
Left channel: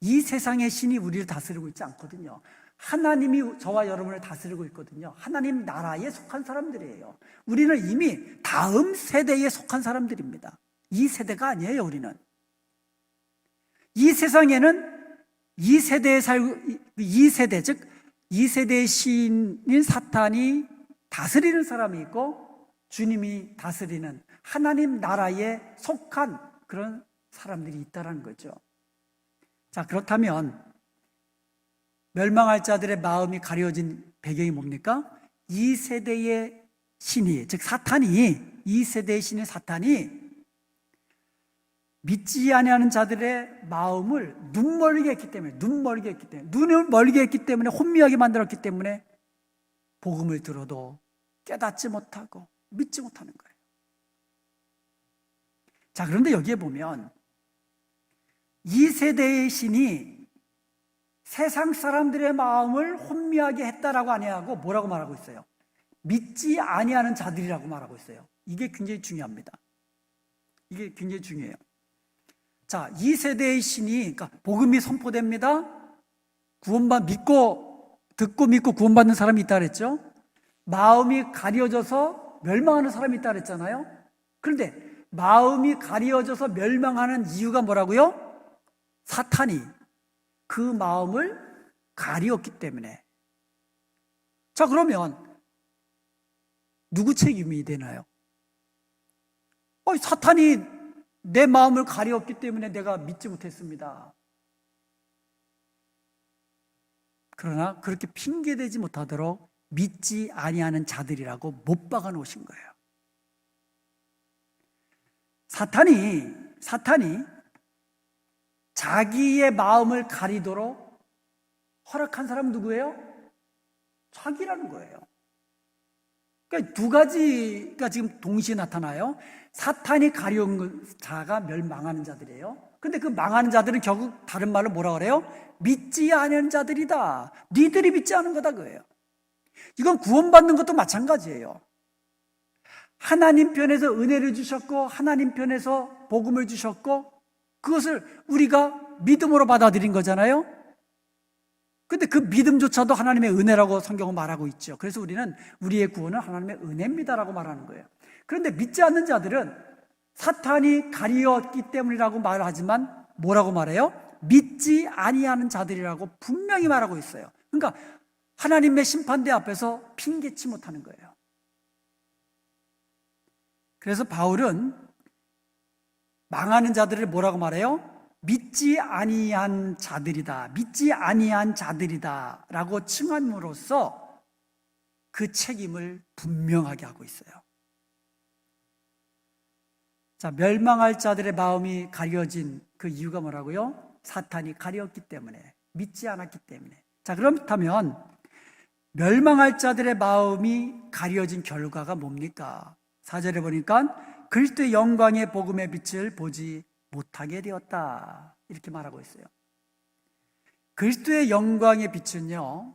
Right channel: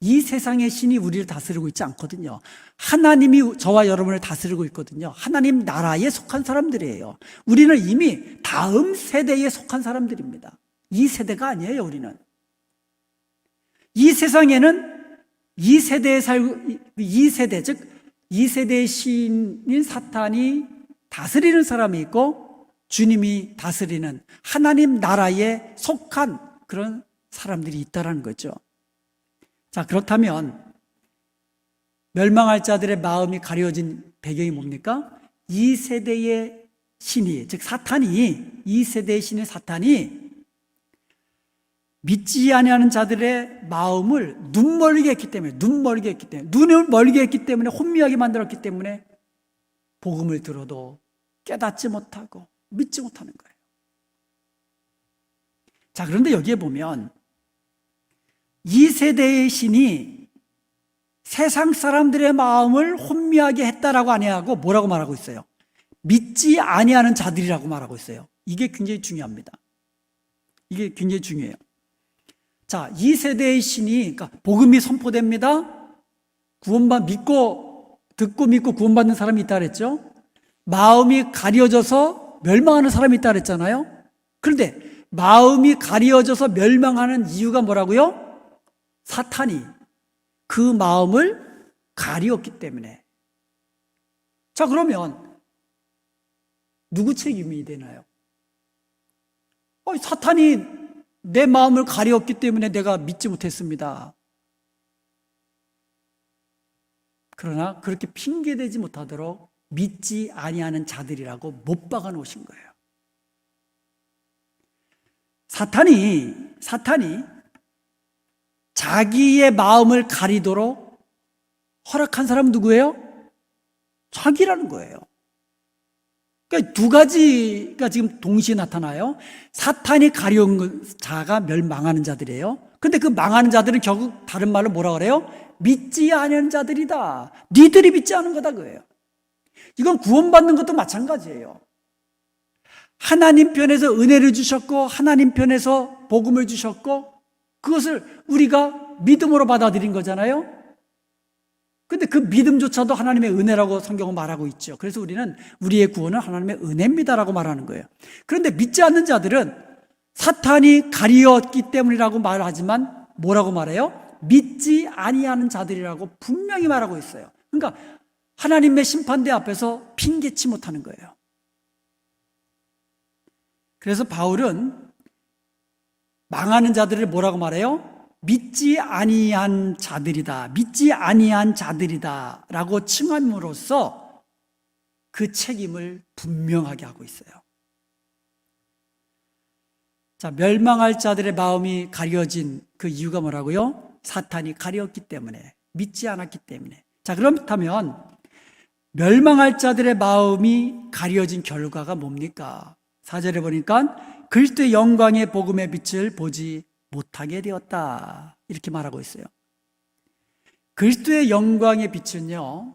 이 세상의 신이 우리를 다스리고 있지 않거든요. 하나님이 저와 여러분을 다스리고 있거든요. 하나님 나라에 속한 사람들이에요. 우리는 이미 다음 세대에 속한 사람들입니다. 이 세대가 아니에요, 우리는. 이 세상에는 이 세대에 즉 이 세대의 신인 사탄이 다스리는 사람이 있고 주님이 다스리는 하나님 나라에 속한 그런 사람들이 있다는 거죠. 자, 그렇다면 멸망할 자들의 마음이 가려진 배경이 뭡니까? 이 세대의 신이, 즉 사탄이, 이 세대의 신인 사탄이 믿지 아니하는 자들의 마음을 눈멀게 했기 때문에, 눈을 멀게 했기 때문에, 혼미하게 만들었기 때문에 복음을 들어도 깨닫지 못하고 믿지 못하는 거예요. 자, 그런데 여기에 보면 이 세대의 신이 세상 사람들의 마음을 혼미하게 했다라고 아니하고 뭐라고 말하고 있어요? 믿지 아니하는 자들이라고 말하고 있어요. 이게 굉장히 중요합니다. 이게 굉장히 중요해요. 자, 이 세대의 신이, 그러니까 복음이 선포됩니다. 듣고 믿고 구원받는 사람이 있다 그랬죠. 마음이 가려져서 멸망하는 사람이 있다 그랬잖아요. 그런데 마음이 가려져서 멸망하는 이유가 뭐라고요? 사탄이 그 마음을 가리었기 때문에. 자, 그러면 누구 책임이 되나요? 사탄이 내 마음을 가리었기 때문에 내가 믿지 못했습니다. 그러나 그렇게 핑계대지 못하도록 믿지 아니하는 자들이라고 못 박아 놓으신 거예요. 사탄이 자기의 마음을 가리도록 허락한 사람은 누구예요? 자기라는 거예요. 그러니까 두 가지가 지금 동시에 나타나요. 사탄이 가려운 자가 멸망하는 자들이에요. 그런데 그 망하는 자들은 결국 다른 말로 뭐라 그래요? 믿지 않은 자들이다. 니들이 믿지 않은 거다 그거예요. 이건 구원받는 것도 마찬가지예요. 하나님 편에서 은혜를 주셨고 하나님 편에서 복음을 주셨고 그것을 우리가 믿음으로 받아들인 거잖아요. 근데 그 믿음조차도 하나님의 은혜라고 성경은 말하고 있죠. 그래서 우리는 우리의 구원은 하나님의 은혜입니다라고 말하는 거예요. 그런데 믿지 않는 자들은 사탄이 가리었기 때문이라고 말하지만 뭐라고 말해요? 믿지 아니하는 자들이라고 분명히 말하고 있어요. 그러니까 하나님의 심판대 앞에서 핑계치 못하는 거예요. 그래서 바울은 망하는 자들을 뭐라고 말해요? 믿지 아니한 자들이다. 믿지 아니한 자들이다 라고 칭함으로써 그 책임을 분명하게 하고 있어요. 자, 멸망할 자들의 마음이 가려진 그 이유가 뭐라고요? 사탄이 가렸기 때문에, 믿지 않았기 때문에. 자, 그렇다면 멸망할 자들의 마음이 가려진 결과가 뭡니까? 4절에 보니까 그리스도의 영광의 복음의 빛을 보지 못하게 되었다. 이렇게 말하고 있어요. 그리스도의 영광의 빛은요,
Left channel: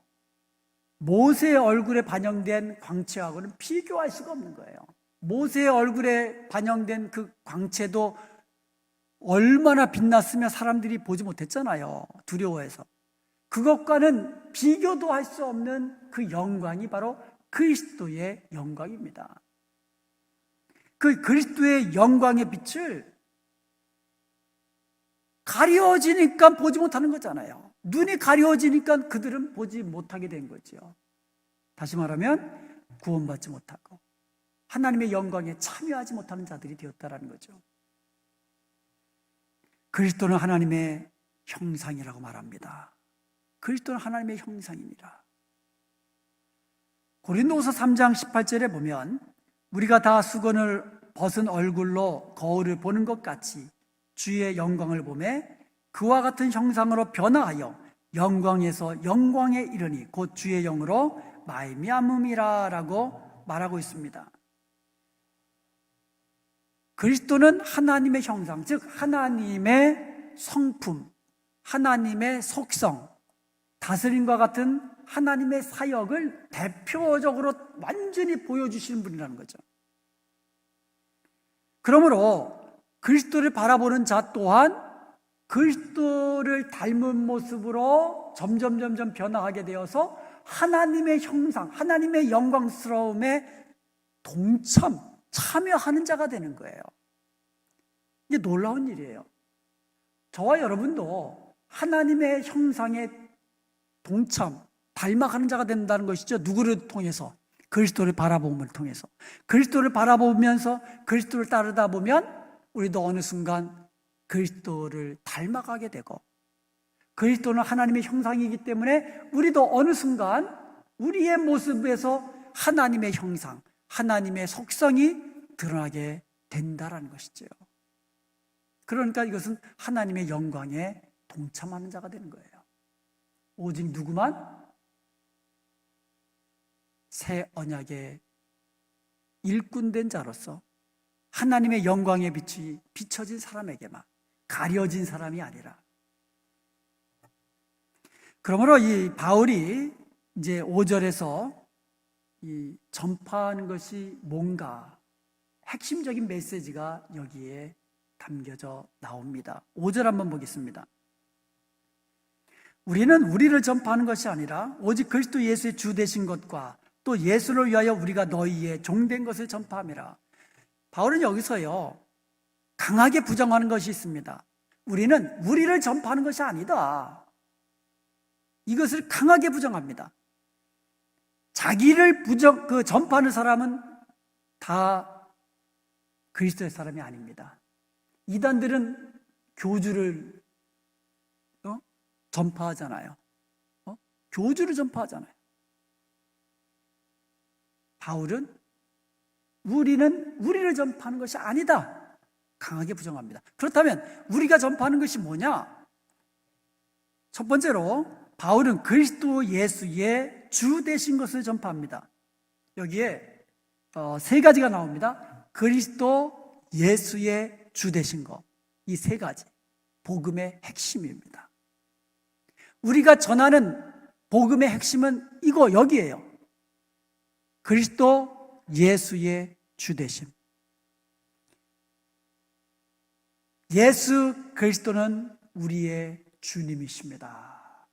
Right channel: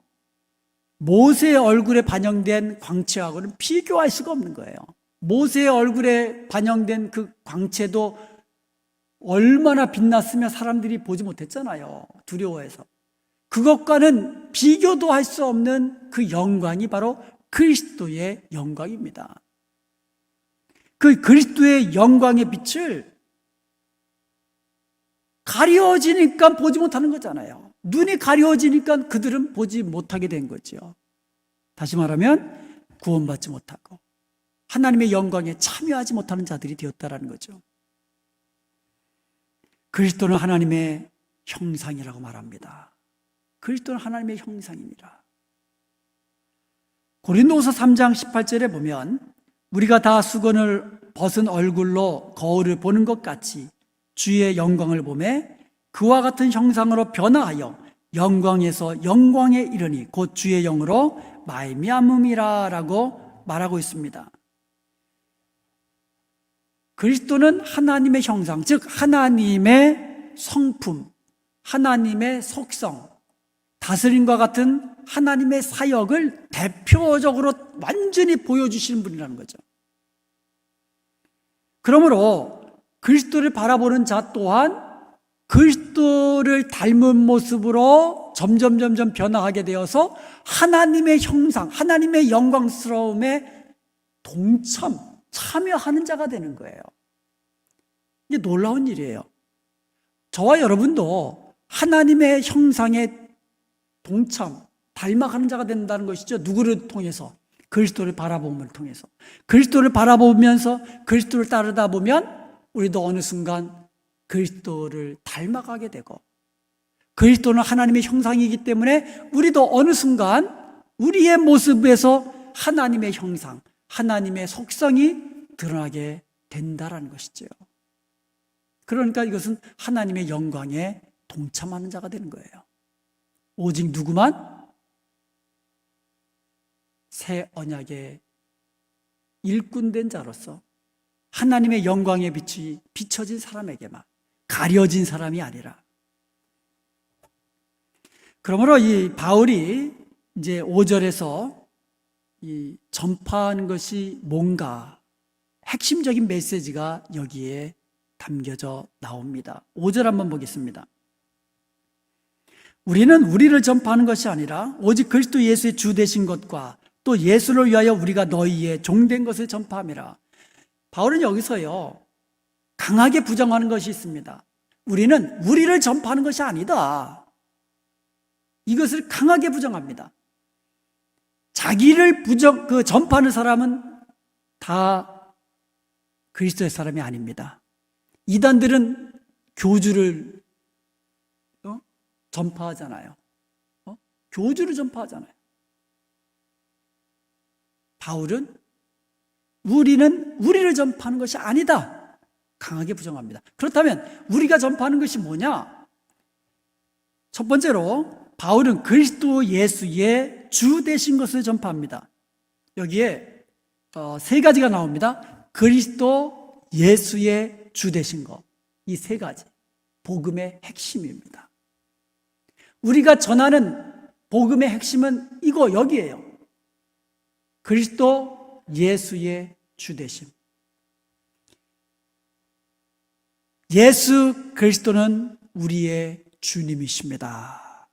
모세의 얼굴에 반영된 광채하고는 비교할 수가 없는 거예요. 모세의 얼굴에 반영된 그 광채도 얼마나 빛났으면 사람들이 보지 못했잖아요. 두려워해서. 그것과는 비교도 할 수 없는 그 영광이 바로 그리스도의 영광입니다. 그 그리스도의 영광의 빛을 가려지니까 보지 못하는 거잖아요. 눈이 가려지니까 그들은 보지 못하게 된 거죠. 다시 말하면 구원받지 못하고 하나님의 영광에 참여하지 못하는 자들이 되었다는 거죠. 그리스도는 하나님의 형상이라고 말합니다. 그리스도는 하나님의 형상입니다. 고린도후서 3장 18절에 보면 우리가 다 수건을 벗은 얼굴로 거울을 보는 것 같이 주의 영광을 보매 그와 같은 형상으로 변화하여 영광에서 영광에 이르니 곧 주의 영으로 말미암음이라라고 말하고 있습니다. 그리스도는 하나님의 형상, 즉 하나님의 성품, 하나님의 속성, 다스림과 같은 하나님의 사역을 대표적으로 완전히 보여주시는 분이라는 거죠. 그러므로 그리스도를 바라보는 자 또한 그리스도를 닮은 모습으로 점점 변화하게 되어서 하나님의 형상, 하나님의 영광스러움에 참여하는 자가 되는 거예요. 이게 놀라운 일이에요. 저와 여러분도 하나님의 형상에 닮아가는 자가 된다는 것이죠. 누구를 통해서? 그리스도를 바라봄을 통해서. 그리스도를 바라보면서 그리스도를 따르다 보면 우리도 어느 순간 그리스도를 닮아가게 되고, 그리스도는 하나님의 형상이기 때문에 우리도 어느 순간 우리의 모습에서 하나님의 형상, 하나님의 속성이 드러나게 된다라는 것이죠. 그러니까 이것은 하나님의 영광에 동참하는 자가 되는 거예요. 오직 누구만? 새 언약의 일꾼된 자로서 하나님의 영광의 빛이 비춰진 사람에게만, 가려진 사람이 아니라. 그러므로 이 바울이 이제 5절에서 이 전파하는 것이 뭔가 핵심적인 메시지가 여기에 담겨져 나옵니다. 5절 한번 보겠습니다. 우리는 우리를 전파하는 것이 아니라 오직 그리스도 예수의 주 되신 것과 또 예수를 위하여 우리가 너희의 종된 것을 전파함이라. 바울은 여기서요 강하게 부정하는 것이 있습니다. 우리는 우리를 전파하는 것이 아니다. 이것을 강하게 부정합니다. 자기를 전파하는 사람은 다 그리스도의 사람이 아닙니다. 이단들은 교주를 전파하잖아요. 교주를 전파하잖아요. 바울은 우리는 우리를 전파하는 것이 아니다. 강하게 부정합니다. 그렇다면 우리가 전파하는 것이 뭐냐? 첫 번째로 바울은 그리스도 예수의 주 되신 것을 전파합니다. 여기에 세 가지가 나옵니다. 그리스도 예수의 주 되신 것. 이 세 가지. 복음의 핵심입니다. 우리가 전하는 복음의 핵심은 여기에요. 그리스도 예수의 주 되심. 예수 그리스도는 우리의 주님이십니다.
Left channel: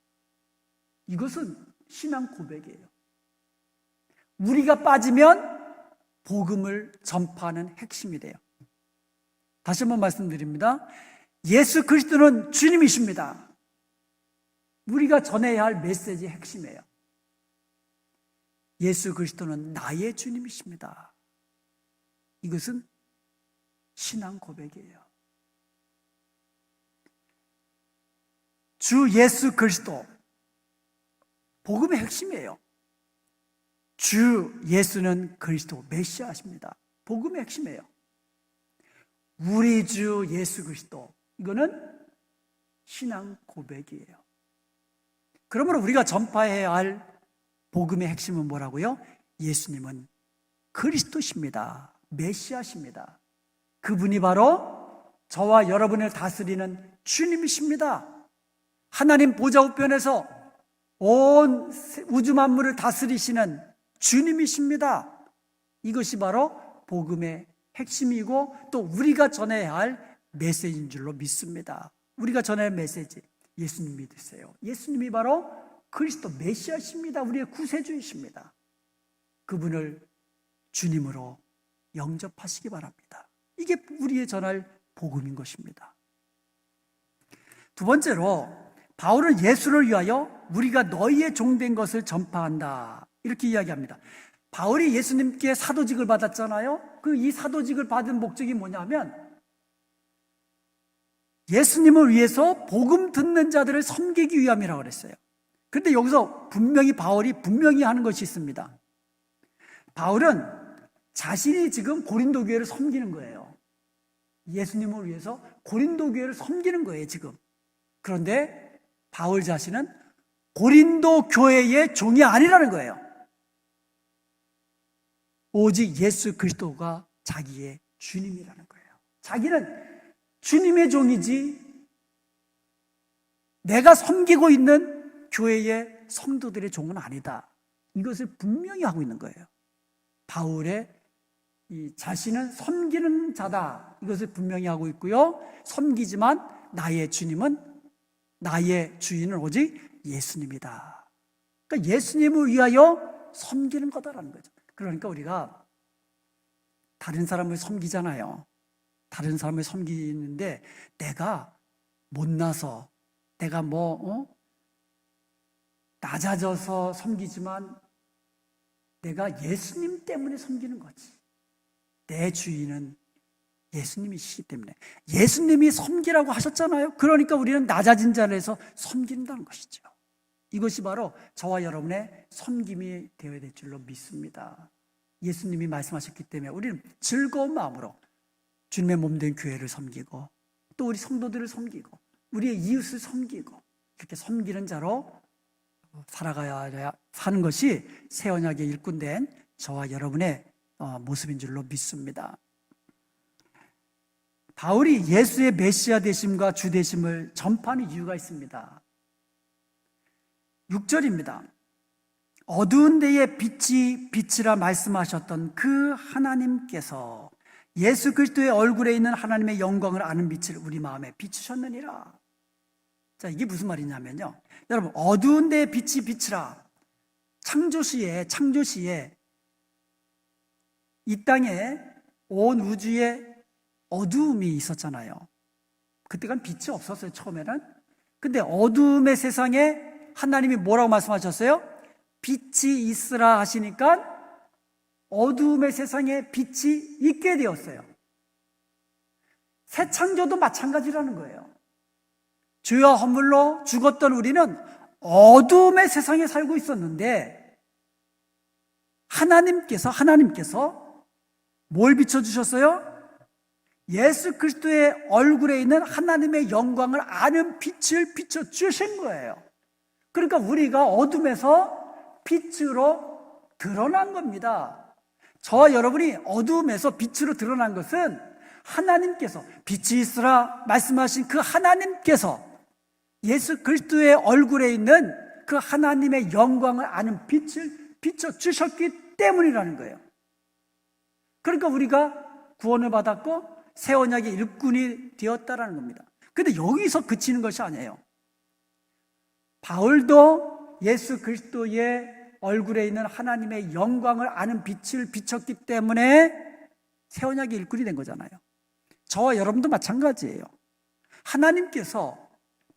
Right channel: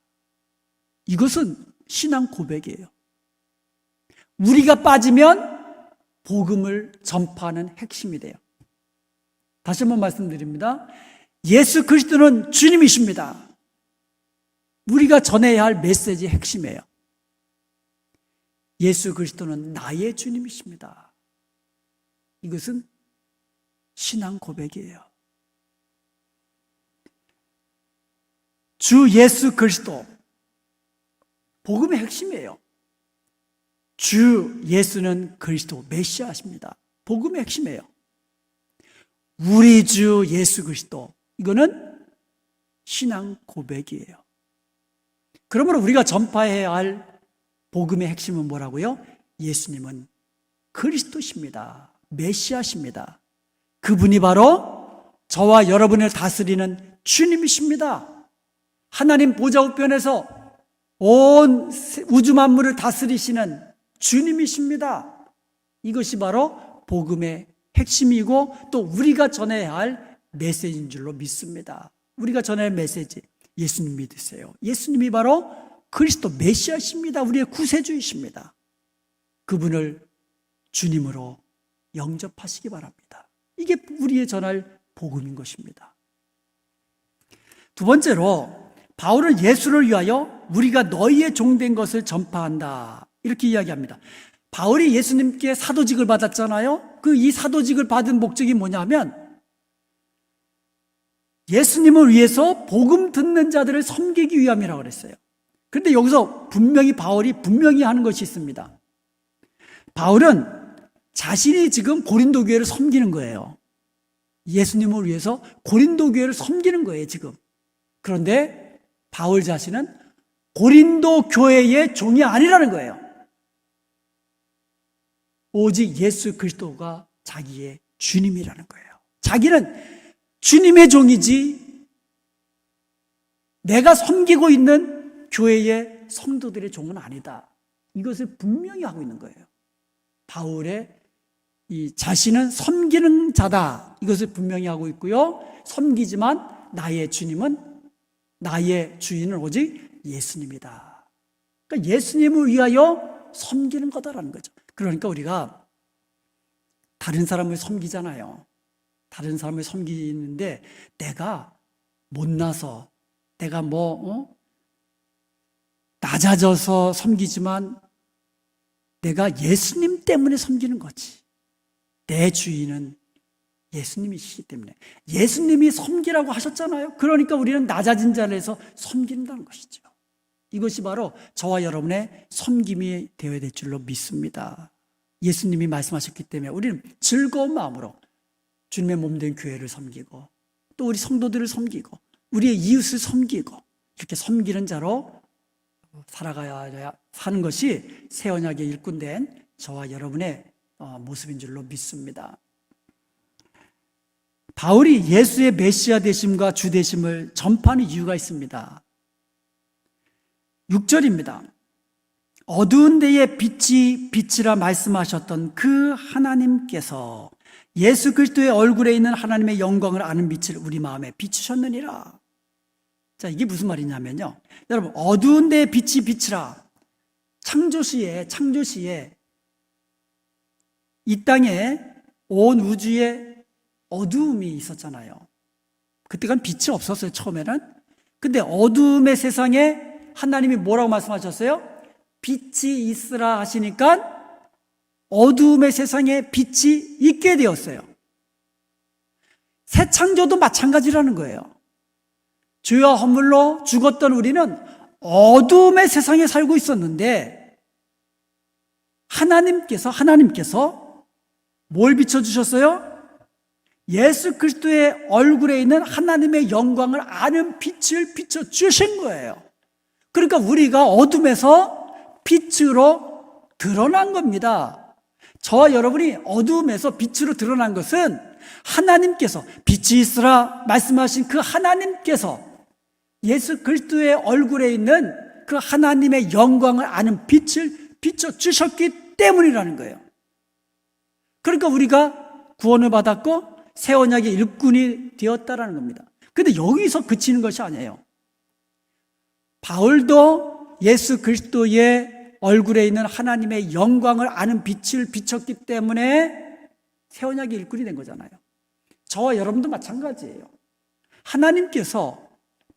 이것은 신앙 고백이에요. 우리가 빠지면 복음을 전파하는 핵심이 돼요. 다시 한번 말씀드립니다. 예수 그리스도는 주님이십니다. 우리가 전해야 할 메시지의 핵심이에요. 예수 그리스도는 나의 주님이십니다. 이것은 신앙 고백이에요. 주 예수 그리스도, 복음의 핵심이에요. 주 예수는 그리스도 메시아십니다. 복음의 핵심이에요. 우리 주 예수 그리스도, 이거는 신앙 고백이에요. 그러므로 우리가 전파해야 할 복음의 핵심은 뭐라고요? 예수님은 그리스도십니다. 메시아십니다. 그분이 바로 저와 여러분을 다스리는 주님이십니다. 하나님 보좌 우편에서 온 우주 만물을 다스리시는 주님이십니다. 이것이 바로 복음의 핵심이고 또 우리가 전해야 할 메시지인 줄로 믿습니다. 우리가 전해야 할 메시지, 예수님 믿으세요. 예수님이 바로 그리스도 메시아십니다. 우리의 구세주이십니다. 그분을 주님으로 영접하시기 바랍니다. 이게 우리의 전할 복음인 것입니다. 두 번째로 바울은 예수를 위하여 우리가 너희의 종된 것을 전파한다, 이렇게 이야기합니다. 바울이 예수님께 사도직을 받았잖아요. 이 사도직을 받은 목적이 뭐냐면 예수님을 위해서 복음 듣는 자들을 섬기기 위함이라고 그랬어요. 그런데 여기서 바울이 분명히 하는 것이 있습니다. 바울은 자신이 지금 고린도 교회를 섬기는 거예요. 예수님을 위해서 고린도 교회를 섬기는 거예요, 지금. 그런데 바울 자신은 고린도 교회의 종이 아니라는 거예요. 오직 예수 그리스도가 자기의 주님이라는 거예요. 자기는 주님의 종이지 내가 섬기고 있는 교회의 성도들의 종은 아니다. 이것을 분명히 하고 있는 거예요. 바울의 이 자신은 섬기는 자다. 이것을 분명히 하고 있고요. 섬기지만 나의 주인은 오직 예수님이다. 그러니까 예수님을 위하여 섬기는 거다라는 거죠. 그러니까 우리가 다른 사람을 섬기잖아요. 다른 사람을 섬기는데 내가 못나서 내가 낮아져서 섬기지만 내가 예수님 때문에 섬기는 거지. 내 주인은 예수님이시기 때문에 예수님이 섬기라고 하셨잖아요. 그러니까 우리는 낮아진 자리에서 섬긴다는 것이죠. 이것이 바로 저와 여러분의 섬김이 되어야 될 줄로 믿습니다. 예수님이 말씀하셨기 때문에 우리는 즐거운 마음으로 주님의 몸된 교회를 섬기고 또 우리 성도들을 섬기고 우리의 이웃을 섬기고 이렇게 섬기는 자로 살아가야 사는 것이 새 언약의 일꾼된 저와 여러분의 모습인 줄로 믿습니다. 바울이 예수의 메시아 되심과 주 되심을 전파하는 이유가 있습니다. 6절입니다. 어두운 데에 빛이 빛이라 말씀하셨던 그 하나님께서 예수 그리스도의 얼굴에 있는 하나님의 영광을 아는 빛을 우리 마음에 비추셨느니라. 자, 이게 무슨 말이냐면요. 여러분, 어두운 데에 빛이 빛이라. 창조시에 이 땅에 온 우주에 어두움이 있었잖아요. 그때가 빛이 없었어요, 처음에는. 근데 어두움의 세상에 하나님이 뭐라고 말씀하셨어요? 빛이 있으라 하시니까 어두움의 세상에 빛이 있게 되었어요. 새 창조도 마찬가지라는 거예요. 죄와 허물로 죽었던 우리는 어두움의 세상에 살고 있었는데 하나님께서 뭘 비춰주셨어요? 예수 그리스도의 얼굴에 있는 하나님의 영광을 아는 빛을 비춰주신 거예요. 그러니까 우리가 어둠에서 빛으로 드러난 겁니다. 저와 여러분이 어두움에서 빛으로 드러난 것은 하나님께서 빛이 있으라 말씀하신 그 하나님께서 예수 그리스도의 얼굴에 있는 그 하나님의 영광을 아는 빛을 비춰주셨기 때문이라는 거예요. 그러니까 우리가 구원을 받았고 새 언약의 일꾼이 되었다라는 겁니다. 그런데 여기서 그치는 것이 아니에요. 바울도 예수 그리스도의 얼굴에 있는 하나님의 영광을 아는 빛을 비췄기 때문에 새 언약의 일꾼이 된 거잖아요. 저와 여러분도 마찬가지예요. 하나님께서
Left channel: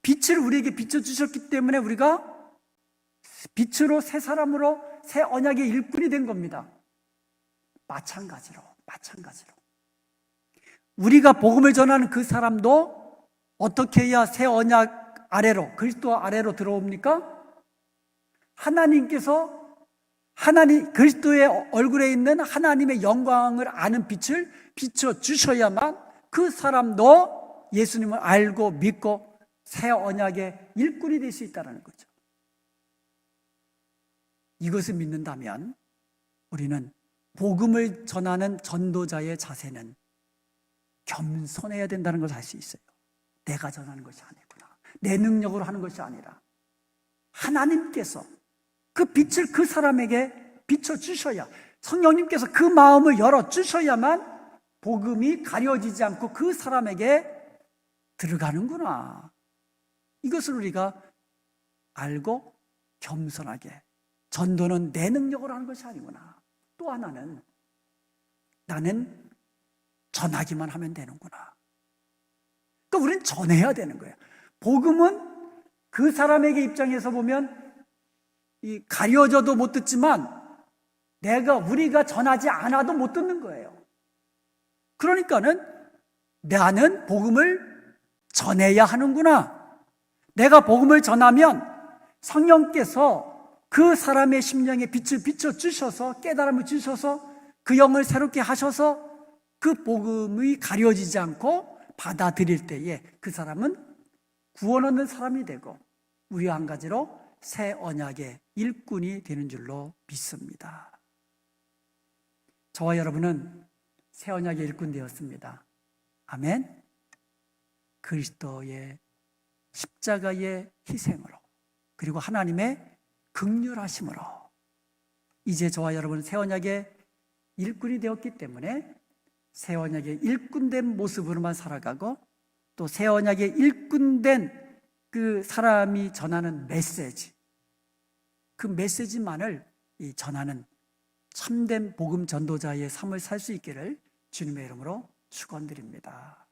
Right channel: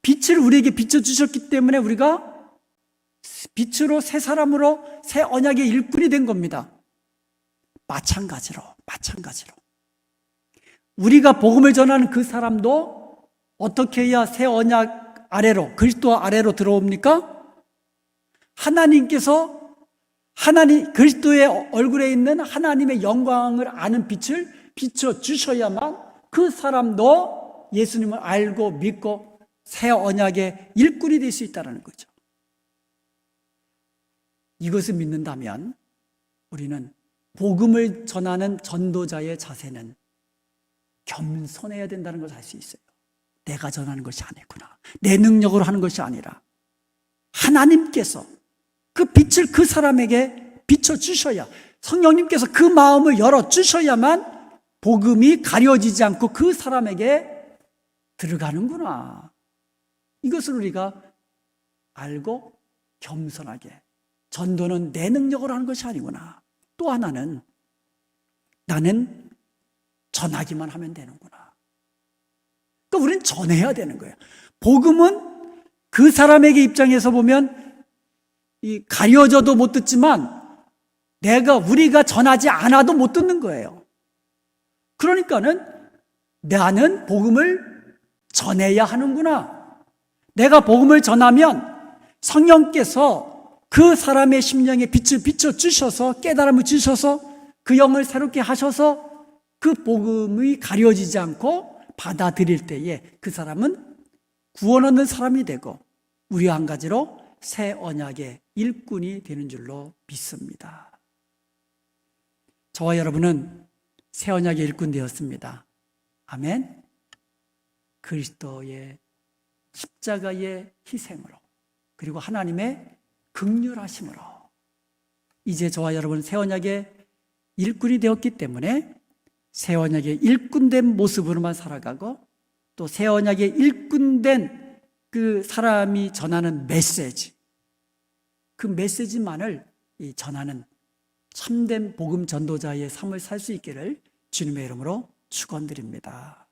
빛을 우리에게 비춰주셨기 때문에 우리가 빛으로 새 사람으로 새 언약의 일꾼이 된 겁니다. 마찬가지로 우리가 복음을 전하는 그 사람도 어떻게 해야 새 언약 아래로 그리스도 아래로 들어옵니까? 그리스도의 얼굴에 있는 하나님의 영광을 아는 빛을 비춰주셔야만 그 사람도 예수님을 알고 믿고 새 언약의 일꾼이 될 수 있다는 거죠. 이것을 믿는다면 우리는 복음을 전하는 전도자의 자세는 겸손해야 된다는 걸 알 수 있어요. 내가 전하는 것이 아니구나. 내 능력으로 하는 것이 아니라 하나님께서 그 빛을 그 사람에게 비춰주셔야, 성령님께서 그 마음을 열어주셔야만 복음이 가려지지 않고 그 사람에게 들어가는구나. 이것을 우리가 알고 겸손하게, 전도는 내 능력으로 하는 것이 아니구나. 또 하나는 나는 전하기만 하면 되는구나. 그러니까 우리는 전해야 되는 거예요. 복음은 그 사람에게 입장에서 보면 가려져도 못 듣지만 우리가 전하지 않아도 못 듣는 거예요. 그러니까는 나는 복음을 전해야 하는구나. 내가 복음을 전하면 성령께서 그 사람의 심령에 빛을 비춰주셔서 깨달음을 주셔서 그 영을 새롭게 하셔서 그 복음이 가려지지 않고 받아들일 때에 그 사람은 구원 얻는 사람이 되고 우리와 한 가지로 새 언약의 일꾼이 되는 줄로 믿습니다. 저와 여러분은 새 언약의 일꾼 되었습니다. 아멘. 그리스도의 십자가의 희생으로 그리고 하나님의 긍휼하심으로 이제 저와 여러분 새 언약의 일꾼이 되었기 때문에 새 언약의 일꾼된 모습으로만 살아가고 또 새 언약의 일꾼된 그 사람이 전하는 메시지, 그 메시지만을 전하는 참된 복음 전도자의 삶을 살 수 있기를 주님의 이름으로 축원드립니다.